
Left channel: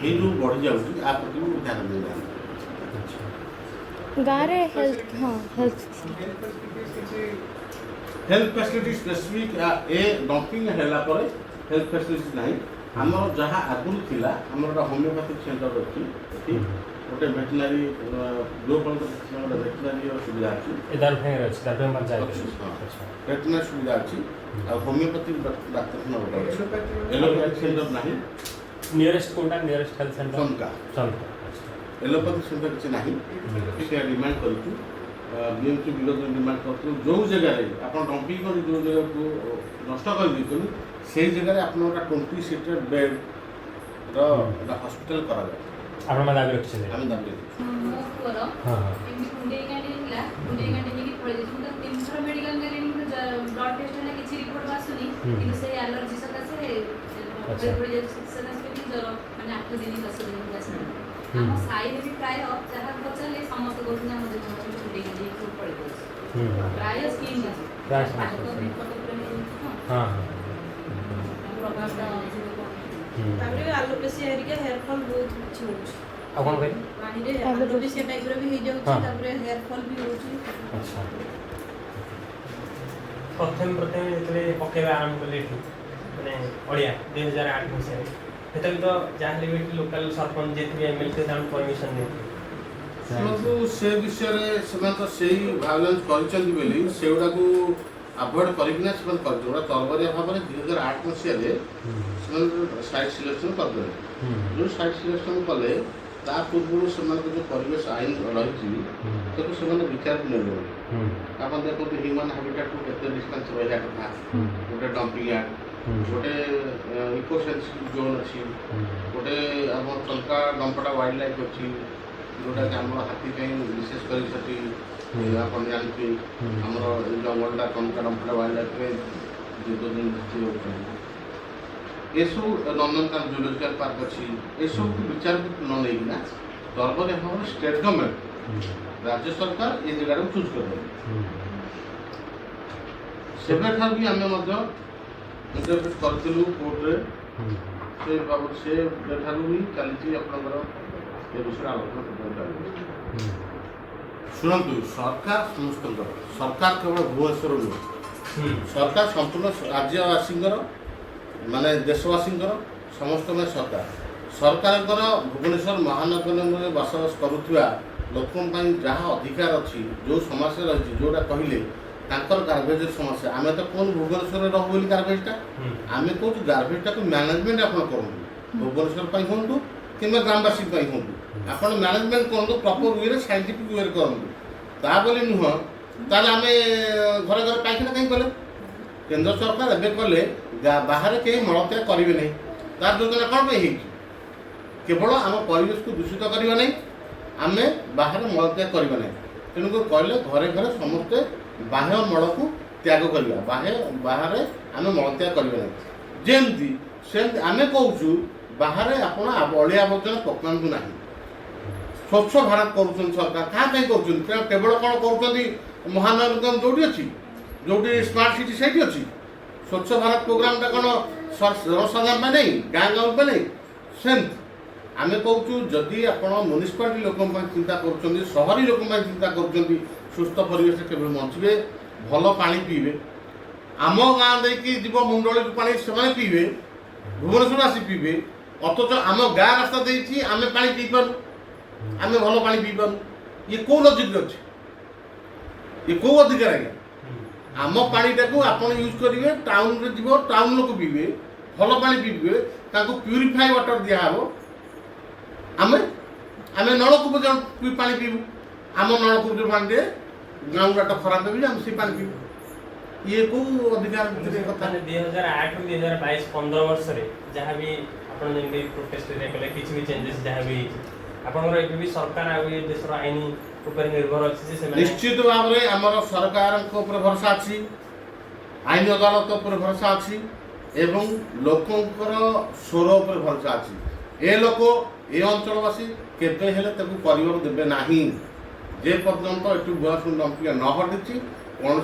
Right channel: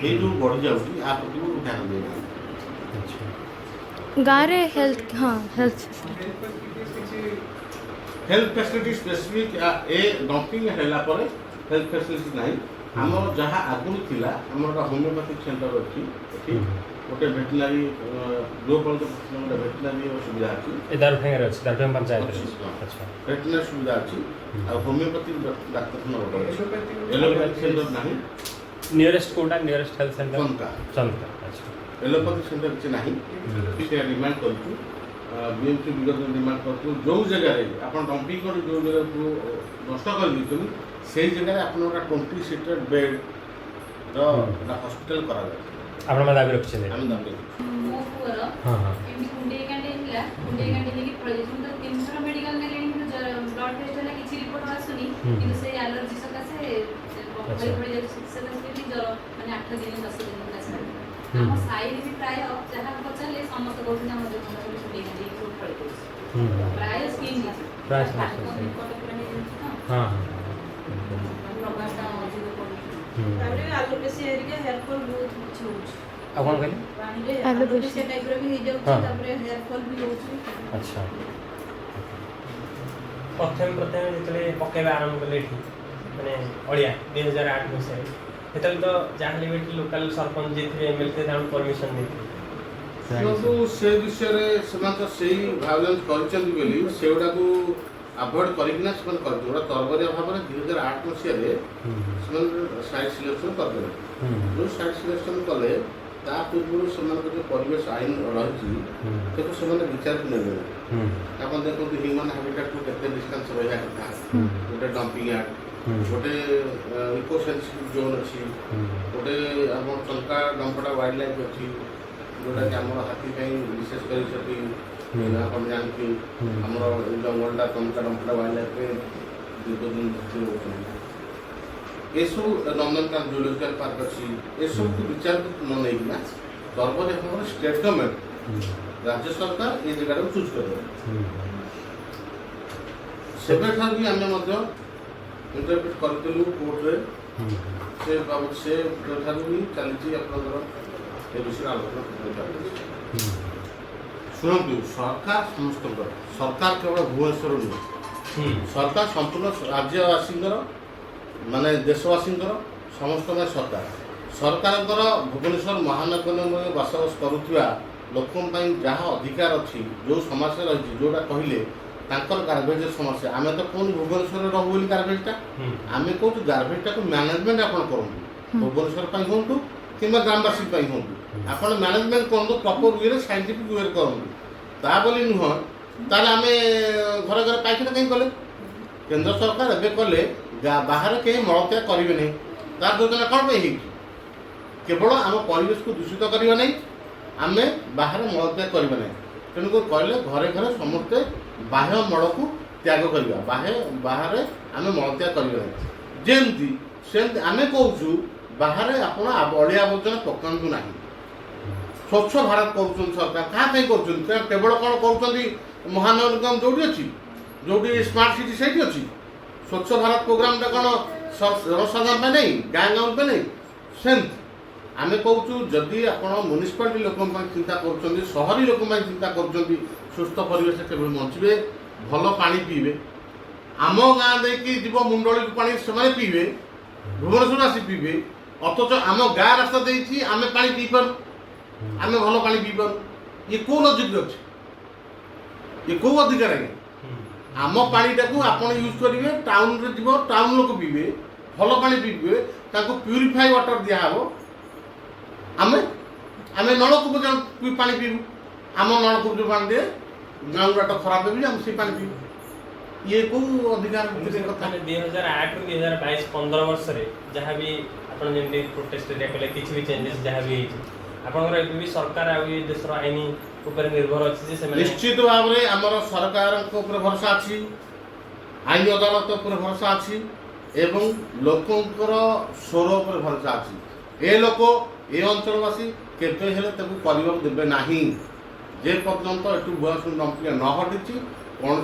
ଏଇ ଯେଉଁ ବଢ଼ିଯାଉଛି ଆ ପ୍ରତି ଧ୍ୟାନ ଦେଉନାହାନ୍ତି। ଗାଁव रे हेल्थ हाँ हेल्थ फैसिलिटी स्पेसिफिक ए डंपिंग हैला पर हेल्थ फैसिलिटी नहीं हमर जहाँ आगुरी थिला हमर होमियोपैथिक सेंटर अछि एठी गोटे वेटनरी ग्लोबल गोटे वेटनरी सुविधा अछि इधर फेर अछि दाबे पंचायत अच्छा वेटनरी सुविधा अछि आ होमियोपैथिक डाक्तरखाना गोटे अछि एलोपैथिक सेंटर नहीं नियरेस्ट कोटा नियरेस्ट हेल्थ सेंटर संका अच्छा एलोपैथिक सेंटर किसी नहीं से डिमांड करछु बीएमसी विरोध में डिमांड करछु जो जगह रे अपन डंपिंग कर जो जगह को नष्ट कर दिछन सेही जगह रे अपन 20 सीटर बेड रो हॉस्पिटल करा जाय आपण में दाबी रखछे हम दाबी मो पुअर एमि कुंडे कांडे हिला कुंडे कांडे नेकी पळे जेछु तो 300 मेडिकल ने लेनी ब्लड टेस्ट ना किछि रिपोर्ट आसुनी कि से एलर्जी सकासे पळे जेछु सकासे कि जर माने 8 दिन 10 दिन आसे हम साइड भी प्राय जहाँ पचारे समस्त कहते हम कुंडे कांडे पळे प्राय स्किन प्राय ତାପରେ ଆଲୋପେସିଆ ହେରିକା ହେୟାର ଫଲ୍ ବହୁତ କିଛି ହେଉଛି ଆଉ କ'ଣ କହିଲେ ପାଣିରେ ଆଲୋପେସିଆ ଟାଇପ୍ର ବି ହେଇଯାଉଛି ତାପରେ ହେୟାର ଫଲ୍ ବି ହେଉଛି ଆଚ୍ଛା ପ୍ରଥମେ ଯେତେବେଳେ ପକେଇବା ଆରମ୍ଭ କଲେ ଏଠି ମାନେ ଅଳିଆ 2008 ମସିହାରେ ସେତେବେଳେ ତ ଯାହାହେଲେ ବି ଏଠି ଲୋକାଲ ସରପଞ୍ଚ ଯିଏ ଥିବେ ଏମ୍ଏଲ୍ଏ ଥିବେ ତାଙ୍କୁ ପରମିସନ୍ ଦେଇଥିଲେ କିନ୍ତୁ ସେ ବିଷୟରେ ସେମାନେ ତ ସେଇ ଭାয়োଲେନ୍ସ କରିଛନ୍ତି ବୋଲି ସେଗୁଡ଼ାକୁ ଆଭଏଡ୍ କରିକିନା ସେମାନେ କରିଥିଲେ ଗୋଟେ ତରବରିଆ ଭାବରେ 2008 ମସିହାରେ ସେମାନେ ସାଇଟ୍ ସିଲେକ୍ସନ୍ କରିଦେଲେ ଯେଉଁ ସାଇଟ୍ ସିଲେକ୍ସନ୍ କଲେ ତା ପୂର୍ବରୁ ସେମାନଙ୍କ ଯେଉଁ ପରିବେଶ ଆଇନ ରହିଛି ତାକୁ ସେମାନେ ବିଚାରକୁ ନେବେନି ଆପଣ ଦେଖନ୍ତୁ ହ୍ୟୁମାନ୍ ହାବିଟାଟ୍ରୁ କେତେ ଡିଷ୍ଟାନ୍ସ ରହିବା କଥା ଗୋଟେ ଡମ୍ପିଂ ୟାର୍ଡ ଗୋଟେ ଇକୋ ସେନ୍ସିଟିଭ୍ ଜୋନ୍ ଅଛି ଗୋଟେ ଆମର ଚଙ୍କା ଡମ୍ପଡ଼ା ୱାଇଲ୍ଡ ଲାଇଫ୍ ଅଛି ଯେଉଁଟାକି ଆମର ହାତୀ ପାଇଁ ବିଶେଷ କରି ସେଠି ଆପଣ ଜାଣିକି ଆମର ଏଇ ଜଙ୍ଗଲଟା ଚଙ୍କା ଡମ୍ପଡ଼ା ୱାଇଲ୍ଡ ଲାଇଫ୍ରେ ଜୀବଜନ୍ତୁ ରହୁଛନ୍ତି ଏସବୁ ନନ୍ଦନକାନନ ଜୁଲୋଜିକାଲ ପାର୍କ ଅଛି ଏସବୁକୁ ବିଚାରକୁ ନ ନେଇକିନା ସର୍ବଦା ଭାବରେ ଷ୍ଟେଟ୍ ଗଭର୍ଣ୍ଣମେଣ୍ଟ ରାଜ୍ୟ ସରକାର ଏଇ ଜାଗାଟାକୁ ଚୁଜ୍ କରିଦେବେ ସେବେଠାରୁ ବି ଆମେ ମଧ୍ୟ ଇଣ୍ଟରପ୍ରିଟ୍ କରିଥିଲୁ କୋର୍ଟରେ ସେ ବାବଦ ସେଠାରୁ ବି ଚାଲିଛି ଆପଣଙ୍କର ଏ ବିଷୟରେ ଆଲୋଚନା ଚାଲିଛି ଶୁଣନ୍ତୁ ସରକାର ସମସ୍ତଙ୍କର ସରକାର କେବଳ ଭୁବନେଶ୍ୱର ନୁହେଁ ସରକାର ସମ୍ପୂର୍ଣ୍ଣ ରାଜ୍ୟବାସୀଙ୍କର ମାନେ ଦେଶବାସୀଙ୍କର ସମସ୍ତଙ୍କ ସରକାର ସରକାରଙ୍କର ଭୁବନେଶ୍ୱର ମହାନଗରରେ ବସବାସ କରୁଥିବା ଲୋକଙ୍କ ପାଇଁ ଯାହା ଅଧିକାର ଅଛି ଯେଉଁ ସମସ୍ୟା ରହିଛି ଯେଉଁଟା କହିଲେ ତାଙ୍କର ଗାର୍ବେଜର ସମସ୍ୟା ଆମେ ତ କହୁନୁ ଭୁବନେଶ୍ୱରରେ ରହୁ ବୋଲି ଗାର୍ବେଜଟା ଆମେ କହୁଛୁ ଗାର୍ବେଜଟାକୁ ମ୍ୟାନେଜମେଣ୍ଟ ଆପଣ କରନ୍ତୁ ଭୁବନେଶ୍ୱର ପାଇଁ ହୁଅନ୍ତୁ କିମ୍ବା ଗ୍ରାମବାସୀ ପାଇଁ ହୁଅନ୍ତୁ ଆପଣ ମ୍ୟାନେଜମେଣ୍ଟ କରନ୍ତୁ ପ୍ରପର ୱେରେ ସାଇଣ୍ଟିଫିକ୍ ୱେରେ କରନ୍ତୁ ତା ବୋଲି ନୁହଁ ତାହେଲେ ଆମେ ଘରେ ଘରେ ପାଇଖାନା କାହିଁ କଲେ କେନ୍ଦ୍ର ସରକାର ଏବେ କଲେ ବାହାରେ କେହି ମଳତ୍ୟାଗ କରିବେ ନାହିଁ ତାର ଯୋଜନା କ'ଣ ପାଇଁ ହେଇଛି କେବଳ ଆମ ପରିବେଶକୁ ଦୂଷିତ କରିବା ନାହିଁ ଆମେ ବାହାରେ ମଳତ୍ୟାଗ କରିବା ନାହିଁ ତେଣୁକରି କହିଲେ ଘରେ ଘରେ ସମସ୍ତେ ବାହ୍ୟ ମଳକୁ ତ୍ୟାଗ କରିବା ବାହାରେ ଆମେ ମଳତ୍ୟାଗ କରିବା ନାହିଁ ଯେମିତି ସେମିତି ଆମେ କହୁଛୁ ବାହାରେ ଆପଣ ଅଳିଆ ଆବର୍ଜନା ପକାନ୍ତୁ ନାହିଁ ସ୍ୱଚ୍ଛ ଭାରତ କରୁଛନ୍ତି ସରକାର କାହା ପାଇଁ କରୁଛନ୍ତି ତେଣୁ କେବଳ କ'ଣ କରୁଛନ୍ତି ମହାନଗର ନିଗମ ଯେଉଁଠି ଅଛି ଯେଉଁଠି ସ୍ମାର୍ଟ ସିଟି ସେଇଠି ଅଛି ସ୍ୱଚ୍ଛ ଭାରତ ପ୍ରୋଗ୍ରାମଟା କ'ଣ ଜନସାଧାରଣ ପାଇଁ ନାହିଁ ଗାଁ ଗାଁ ପାଇଁ ନାହିଁ ସେମିତି ଆମେ କହୁଛୁ ଯଦି ଆପଣ ମ୍ୟୁନିସିପାଲିଟି ଲୋକଙ୍କ ପାଇଁ ଚିନ୍ତା କରୁଛନ୍ତି ସହରୀ ଲୋକଙ୍କ ପାଇଁ ଚିନ୍ତା କରୁଛନ୍ତି ସୁସ୍ଥ ପରିବେଶ କେବେ ବଞ୍ଚିବେ ଭଲ ପାଣି ପିଇବେ ଆମ ଗାଁ ଦେଇକି ଯିବ ମୁଣ୍ଡଳିକୁ ପାଣି ସେମାନେ ପିଇବେ ଭୁବନେଶ୍ୱର ଆସି ପିଇବେ ଅଥଚ ଆମ ଗାଁ ରାସ୍ତା ଦେଇଛି ଆମେ ପାଣି ପିଇପାରୁ ଆମେ ଭଲ ପାଣି ପିଇପାରୁ ଇଏ କେଉଁ ଲଜିକ୍ ଅଛି ଇଏ କେଉଁ ଅଧିକାର ଆଜ୍ଞା ଆମ ପାଣିଟାକୁ ଆପଣ ୟୁଜ୍ କରିବେ ଟାଉନରେ ଯିବ ଟାଉନ ଲୋକ ପିଇବେ ଭଲ ପାଣି ପିଇବେ ତାଙ୍କୁ ପ୍ୟୁରିଫାଇ ୱାଟର ଦିଆହେବ ଆମେ ନଳକୂପ ପାଣି ପିଇବୁ ଆମ ନଳକୂପ ଯେଉଁ ପାଣି ଦିଏ ଗ୍ରାଉଣ୍ଡ ୱାଟର ଖରାପ ହେବି ଆମେ ସେ ପାଣି ପିଇବୁ ଇଏ କେଉଁ ଅଧିକାର କଥା 2008 ରୁ 2022 15 ବର୍ଷରେ ଯାହା ବି ଆପଣ ଯେମିତି ପ୍ରୋଟେଷ୍ଟ କଲେ କିଛି ବି ଚେଞ୍ଜେସ୍ ଯାହା ବି ହେଇଛି ଆପଣଙ୍କର ଏବେ ବି ସରକାର ଆଉ ଏ ଦେଶର ଆଇନ ଉପରେ ନିର୍ଭର ଅଛି ଯେ ସେମାନେ ନିଶ୍ଚିତ ଭାବରେ ଆମର ସରକାରଙ୍କ ଉପରେ ଭରସା ଅଛି ଆଇନ ଅଦାଲତ ଉପରେ ଭରସା ଅଛି ଏବଂ ଲୋକଙ୍କର ସ୍ୱର ଉପରେ ଭରସା ଅଛି ए लोक ए अंचलवासी केबे हेले ताकू करियो देबे नाही जे पर्यंत एटू गुआसु डंपिंग न हटिची कौन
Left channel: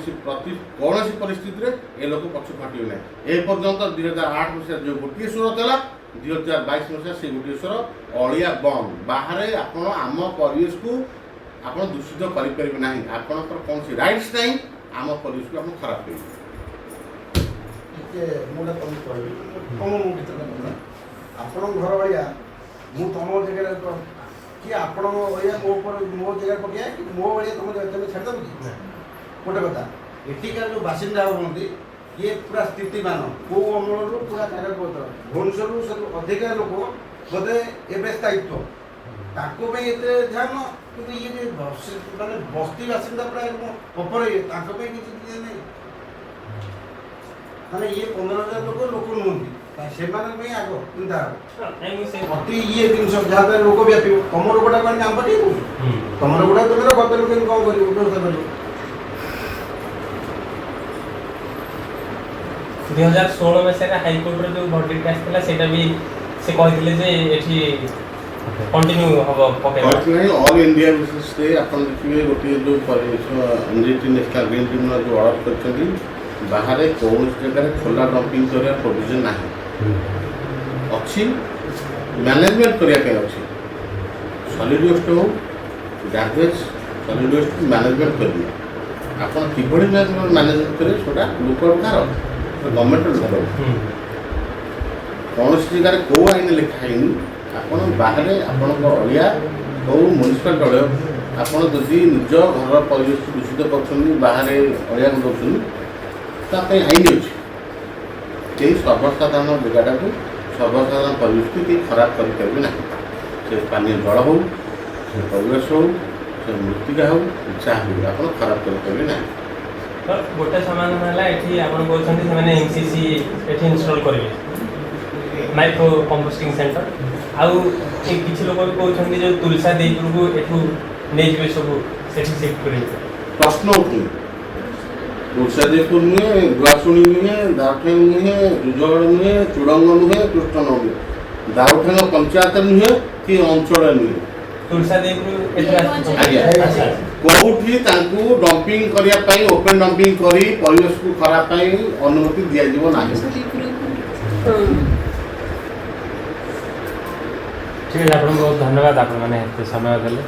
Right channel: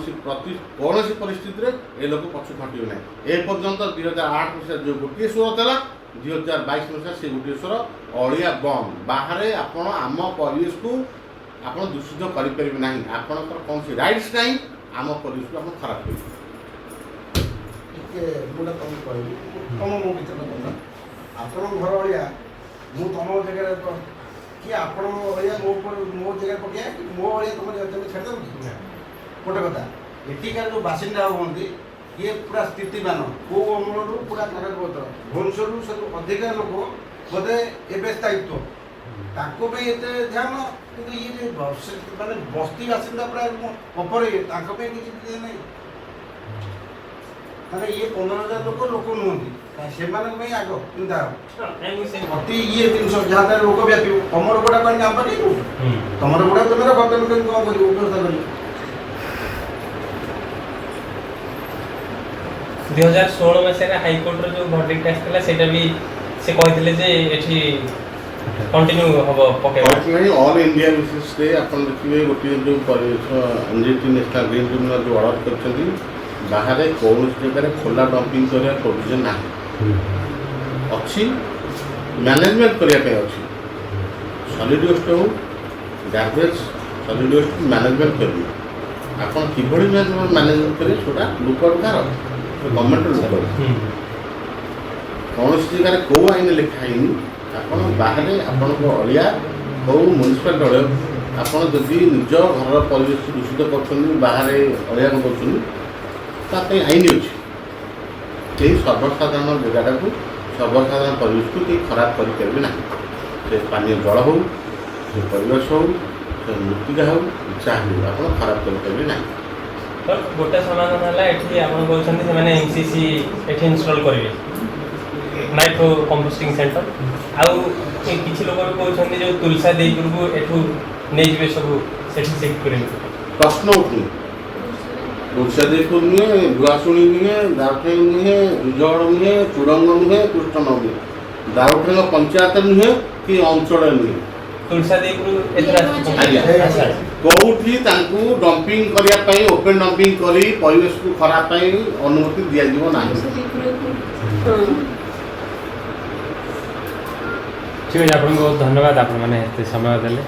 परिस्थिति रे ए लोक पक्ष फाटियो ना ए पर्यंत 2008 मसीहा जो गोटे स्वर था 2022 मसीहा से गोटे स्वर अड़िया बम बाहर आपण आम परिवेश को आप दूषित करें ना आपंकर कौन सी राइट्स ना आम परिवेश को आप खराब कर तुम मो भितर आपण घर अड़िया मु तुम जगह कि आपण अड़िया मो जगह पकड़ा कि मो अड़िया तुम छाड़ गोटे कथा एटिकार जो बासिंदा हमें ये पूरा स्थितिमान कौ अमल पूरा कागजपत्र भुवनेश्वर सब अधिका लोक बोधे एवं स्थायित्व ताको ध्यान कि ये माने बस्ती बासिंदा पूरा अपर किसी नहीं माने ये 15,000 लोक नुहति से आग चिंता अति ये जिन जहाँ लोक व्यापी तुम रोगटा कहीं आम पार्टी तुम रोगटा तुम गत लोक कौन कर व्यवस्था कर 2016 मसीह हाईकोर्ट जो भर्डिक्ट आसला सेटा भी से कहथिले जे एठी कंटिन्यू हबो पके ऑल इंडिया बेसिस रे अपन देखिए गोटे जो एनजीटी नेशनल ग्रीन ट्रिब्यूनल जो ऑर्डर करछथि बाहर कौन जगह खोला डंपिंग करया प्रोविजन नाही अछि मैनेजमेंट करया के अछि सॉलिड वेस्ट हो गार्बेज सॉलिड वेस्ट मैनेजमेंट करबी अपन किभଳି मैनेजमेंट करे छोटा लोककार गवर्नमेंट घर कौन जगह कौ आईन लिखाई आप बाहर आपण अड़िया हो म्यूनिसिपाल अड़िया आपड़ जदि निज घर परिवेश दूषित कर बाहर अड़िया दौरान आईन अच्छी सर्वसाधारण जगटा को सर्वसाधारण परिवेश को खराब करेंगे ना से पानी जल हो परिवेश हो मृत्तिका हो चाहे आप खराब करेंगे ना तो गोटे समाधान है एठी आपण कहउछन्ती से माने एमसीसी एठी इंस्टॉल करिवे माइक्रो कंपोस्टिंग सेंटर आउ किछि लोक कहउछन्ती जो तुलसा देई को एठू नै जिवे सब सेठी शिफ्ट करिवे प्रश्न उठे तुलसा देई को नुहे गुआसुणी नुहे दाउठेंग नुहे जुजड़ नुहे चुड़ंग नुहे कृष्ण नुहे दाउठेंग पंचायत नुहे कि अंचल नुहे तुलसा देई को एतरा कौटी डंपिंग करने ओपन डंपिंग करी परिवेश को खराब अनुमति दिज्व ना ठीक है आपको बहुत धन्यवाद आप समय देले